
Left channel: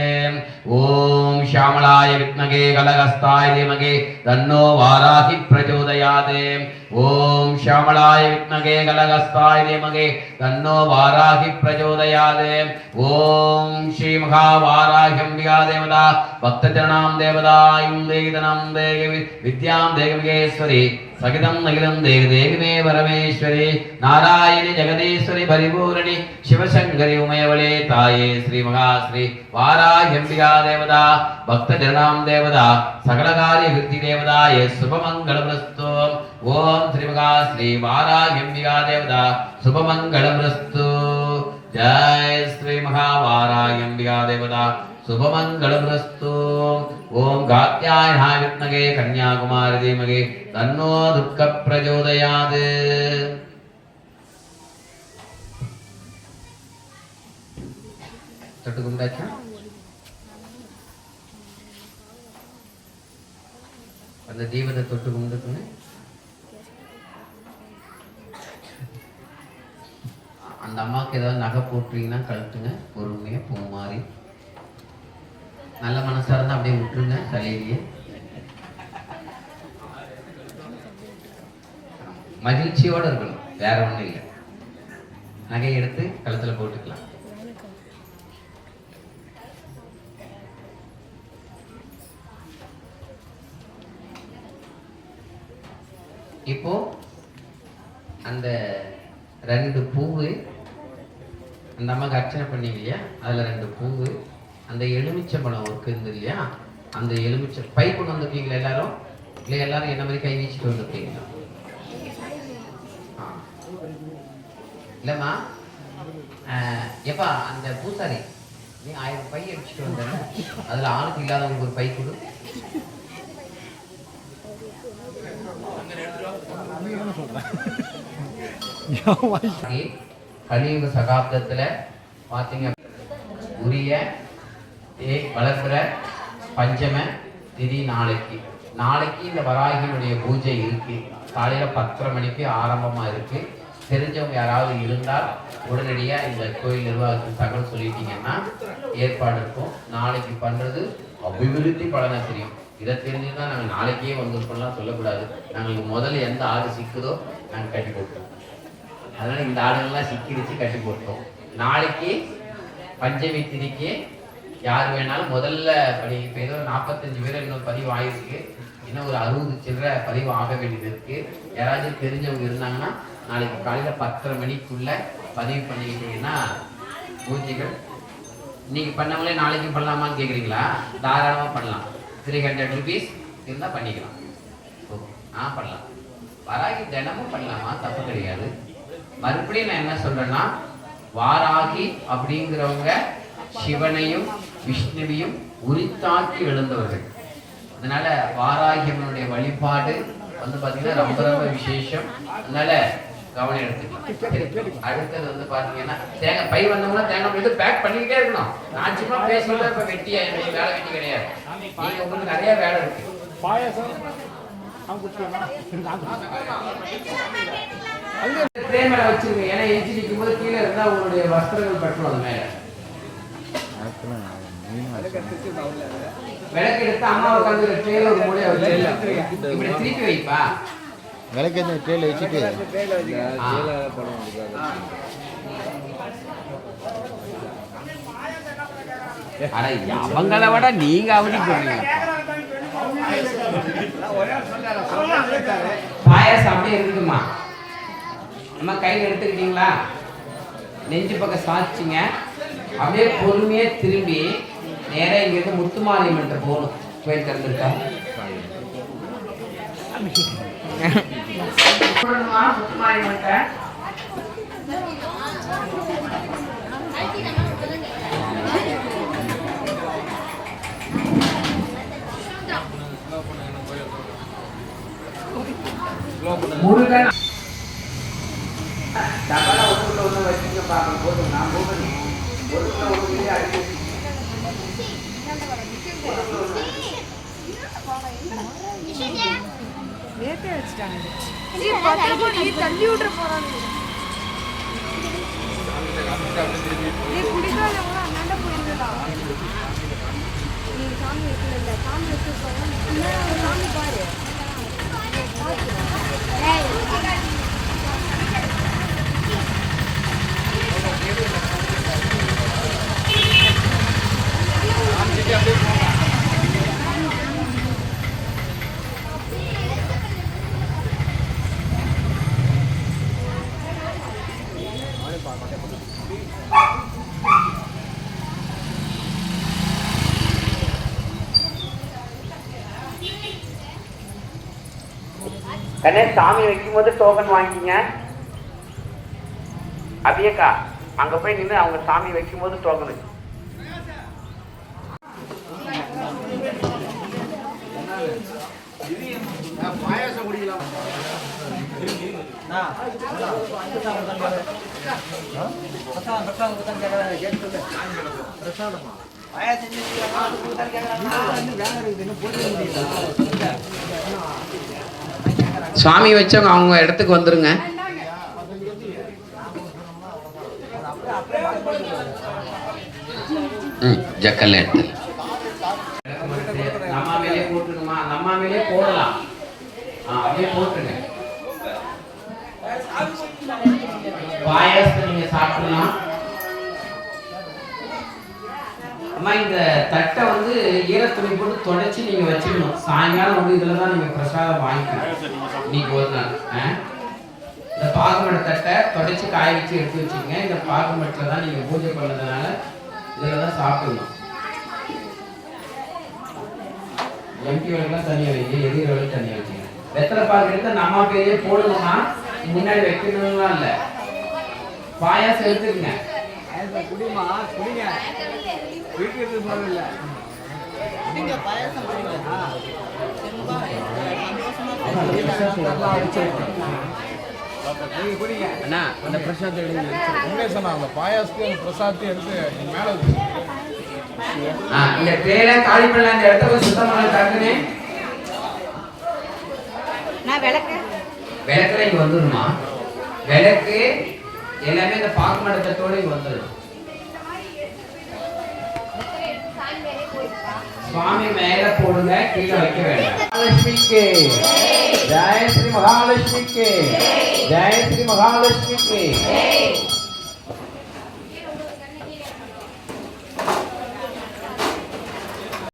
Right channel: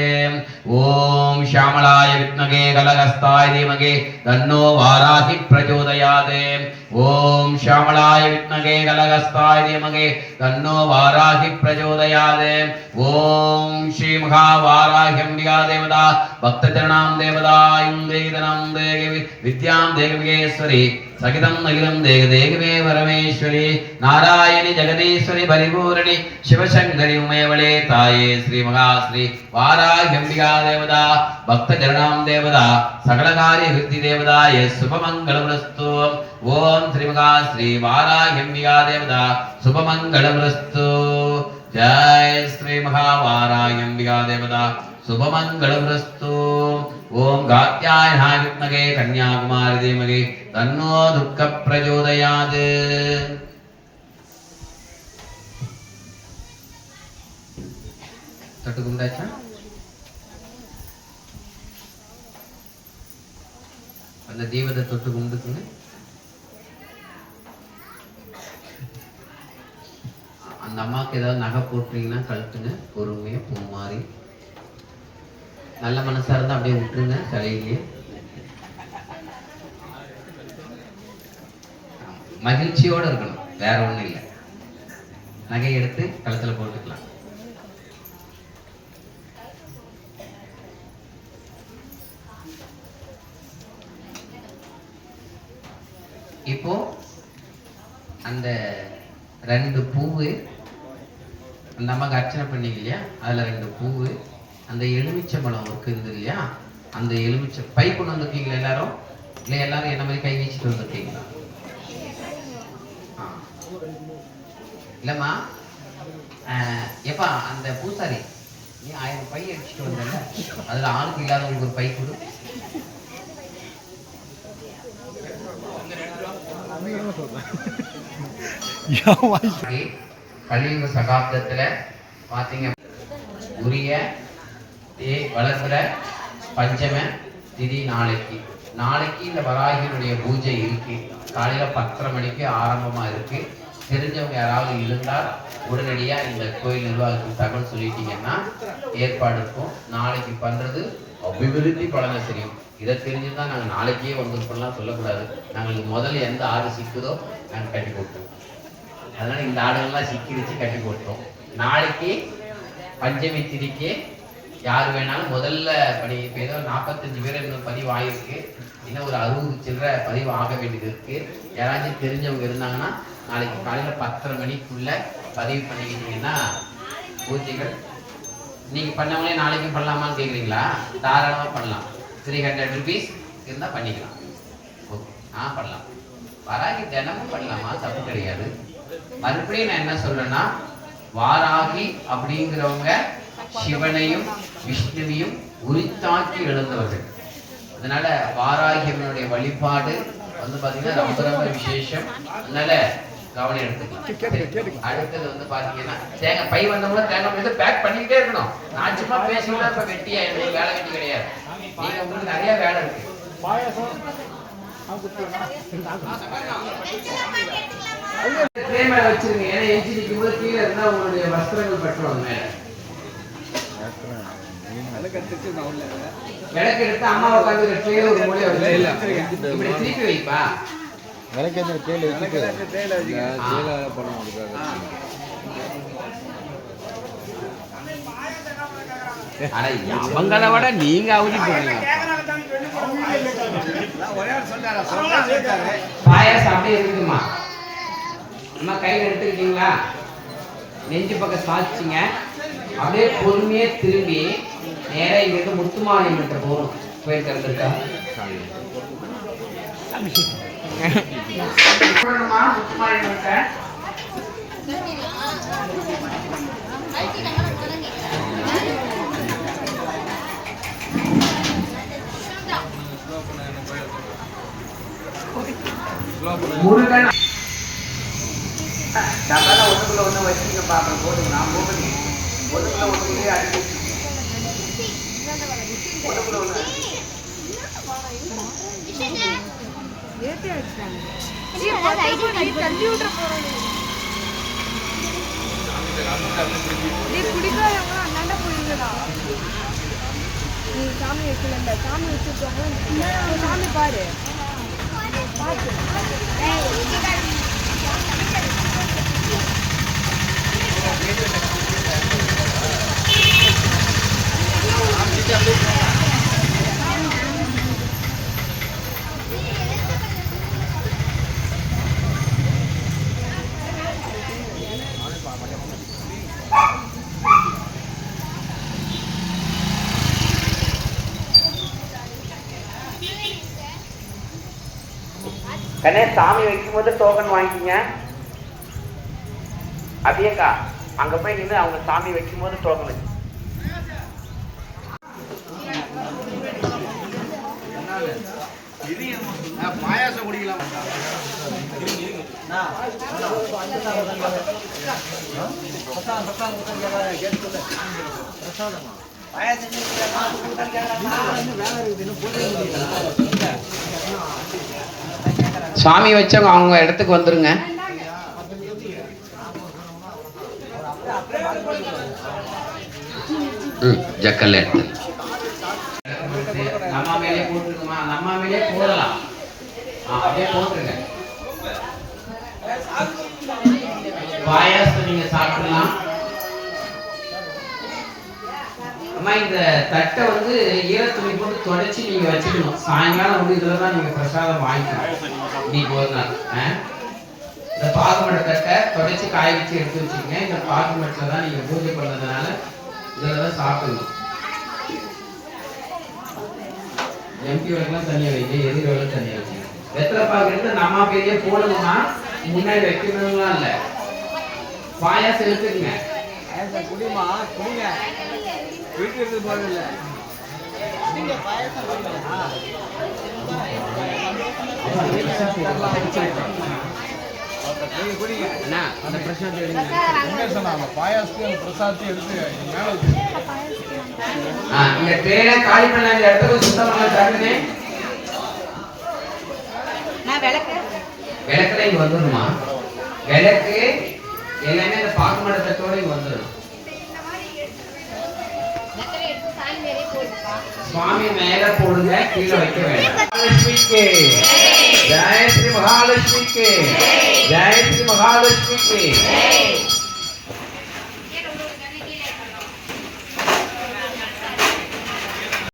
ओम श्यामलाय विद्महे गलहस्ताय धीमहि तन्नो वाराहि प्रचोदयात् ओम श्यामलाय विद्महे गलहस्ताय धीमहि तन्नो वाराहि प्रचोदयात् ओम श्री महावाराह्यम्बिका देवता भक्तचरणां देवतायुं देदनं देवी विद्यां देवगेश्वरी सहितं नगिलं देवदेवे परमेश्वरी नारायणी जगदीश्वरी परिपूर्णी शिवशंकरी उमयवळे ताये श्री महाश्री वाराह्यम्बिका देवता भक्तचरणां देवता सकलकार्य सिद्धि देवताय शुभमंगलमस्तु ओम श्री महाश्री वाराह्यम्बिका देवता शुभमंगलमस्तु जय श्री महावाराह्यम्बिका देवता शुभमंगलमस्तु ओम कात्यायनाय विद्महे कन्याकुमारी धीमहि तन्नो दुःख प्रचोदयात् तटुकुंडाचा அந்த தீபத்தை தொட்டு கும்பிட்டுக்குங்க அந்த அம்மாவுக்கு ஏதாவது நகை போட்டுறீங்கன்னா கழட்டுங்க பொறுமையா பூ மாதிரி நல்ல மனசா இருந்தா அப்படியே விட்டுருங்க தலையிலேயே மகிழ்ச்சியோட இருக்கணும் வேற ஒண்ணும் இல்லை நகை எடுத்து கழுத்துல போட்டுக்கலாம் இப்போ அந்த 2 பூவு அந்த அம்மாக்கு அர்ச்சனை பண்ணீங்க இல்லையா அதுல 2 பூவு அந்த எலுமிச்சை பழம் இருக்குது இல்லையா அந்த எலுமிச்சை பை கொண்டு வந்திருக்கீங்களா எல்லாரும் இல்லை எல்லாரும் என்ன மாதிரி கை வீசிட்டு வந்திருக்கீங்களா இல்லம்மா எப்பா அந்த பூசாரி நீ 1000 பை அடிச்சுட்டு வந்தல அதுல ஆளுக்கு இல்லாதவங்களுக்கு ஒரு பை கொடு கலியுக சகாப்தத்துல பாத்தீங்க உரிய வளர்ப்புற பஞ்சம திதி நாளைக்கு இந்த வராகினுடைய பூஜை இருக்கு காலையில 10:30 மணிக்கு ஆரம்பமா இருக்கு தெரிஞ்சவங்க யாராவது இருந்தால் உடனடியா இந்த கோயில் நிர்வாகத்துக்கு தகவல் சொல்லிட்டீங்கன்னா ஏற்பாடு இருக்கும் நாளைக்கு பண்றது அபிவிருத்தி பலனை தெரியும் இதை தெரிஞ்சுதான் நாங்கள் நாளைக்கே வந்திருப்போம்லாம் சொல்லக்கூடாது நாங்களுக்கு முதல்ல எந்த ஆடு சிக்குதோ நாங்கள் கட்டி போட்டுருவோம் அதனால இந்த ஆடுகள்லாம் சிக்கிடுச்சு கட்டி போட்டுரும் நாளைக்கு பஞ்சமி திதிக்கு யார் வேணாலும் முதல்ல இப்போ ஏதோ 45 பேர் இன்னும் பதிவு ஆகிருக்கு இன்னும் ஒரு 60 சில்லற பதிவு ஆக வேண்டியது இருக்கு யாராச்சும் தெரிஞ்சவங்க இருந்தாங்கன்னா நாளைக்கு காலையில் 10:30 மணிக்குள்ள பதிவு பண்ணிக்கிட்டீங்கன்னா பூஜைகள் இன்னைக்கு பண்ணவங்களே நாளைக்கும் பண்ணலாமான்னு கேட்குறீங்களா தாராளமாக பண்ணலாம் 300 rupees இருந்தால் பண்ணிக்கலாம் ஓகே பண்ணலாம் வராகி தினமும் பண்ணலாமா தப்பு கிடையாது மறுபடியும் நான் என்ன சொல்றேன்னா வாராகி அப்படிங்கிறவங்க சிவனையும் விஷ்ணுவையும் உரித்தாக்கி எழுந்தவர்கள் அதனால வாராகியம்மனுடைய வழிபாடு வந்து பாத்தீங்கன்னா ரொம்ப ரொம்ப விசேஷம் அதனால கவனம் எடுத்துக்கலாம் அடுத்தது வந்து பாத்தீங்கன்னா தேங்காய் பை வந்தவங்க தேங்காய் எடுத்து பேக் பண்ணிக்கிட்டே இருக்கணும் நான் சும்மா பேசுறத இப்ப வெட்டியா எனக்கு வேலை வெட்டி கிடையாது நீங்க உங்களுக்கு நிறைய வேலை இருக்கு வச்சிருங்க ஏன்னா எஞ்சி நிற்கும் போது கீழே இருந்தா உங்களுடைய வஸ்திரங்கள் பற்றுவாங்க மேல விளக்கு எடுத்து அம்மா உட்காந்து ட்ரெயில ஒரு மூலையை வச்சு இப்படி திருப்பி வைப்பா விளக்கு ட்ரெயில வச்சுட்டு அவங்கள விட நீங்க அவதி போறீங்க பாயாசம் அப்படியே இருக்குமா அம்மா கையில் எடுத்துக்கிட்டீங்களா நெஞ்சு பக்கம் சாய்ச்சிங்க அப்படியே பொறுமையே திரும்பி நேராக இங்கிருந்து முத்துமாரியம்மன்ட்ட போகணும் கோயில் திறந்துருக்கா முத்துமாரியம்மன்ட்ட முருகன் ஒன்றுக்குள்ள ஒன்று வச்சுங்க பாப்போம் போட்டுங்க நான் போட்டுங்க ஒன்றுக்குள்ள ஒன்று அடிச்சு கண்ணே சாமி வைக்கும்போது டோக்கன் வாங்கிக்கிங்க. அப்படியேக்கா அங்க போய் நின்று அவங்க சாமி வைக்கும்போது டோக்கன் பாயாசம் குடிக்கலாம். சாமி வச்சவங்க அவங்க இடத்துக்கு வந்துருங்க. ஜக்கல்ல எடுத்து நம்ம மேலே போட்டுருக்குமா, நம்ம மேலே போடலாம். அப்படியே போட்டுருங்க. பாயாசத்தை நீங்க சாப்பிடலாம். அம்மா இந்த தட்டை வந்து ஈரத்துணி போட்டு தொடச்சி நீங்க வச்சுக்கணும். சாயங்காலம் வந்து இதுல தான் நீங்க பிரசாதம் வாங்கிக்கணும். நீ ஒரு நாள் இந்த பாக்குமட தட்டை தொடச்சி காய வச்சு எடுத்து வச்சுக்கோங்க. இந்த பாக்குமட்டில் தான் நீங்க பூஜை பண்ணதுனால இதில் தான் சாப்பிடணும். எம்டி வேலைக்கெல்லாம் தனியாக வைங்க, எதிர் வேலை தனியாக வச்சுங்க. வெத்தலை பாக்கு எடுத்து நம்ம பெரிய போடணும்னா முன்னாடி வைக்கணும்லாம் இல்லை. பாயாசம் எடுத்துக்கங்க. குடிமா குடிங்க, வீட்டுக்கு போகல. குடிங்க என்ன அந்த பிரசாதத்தை எடுங்க. அந்த பாயாசத்தை அந்த பிரசாதத்தை எடுத்து மேலே இந்த ட்ரேல காலி பண்ண அந்த இடத்த போய் சுத்தம் பண்ண காட்டுனே. நான் விளக்கு விளக்குல இங்க வந்துருமா. விளக்கு எல்லாமே இந்த பாக்கு மடத்தோட இங்க வந்துடும். சுவாமி மேல போடுங்க, கீழே வைக்க வேண்டாம். மகாலட்சுமிக்கு ஜெய ஸ்ரீ மகாலட்சுமிக்கு ஜெய ஸ்ரீ மகாலட்சுமிக்கு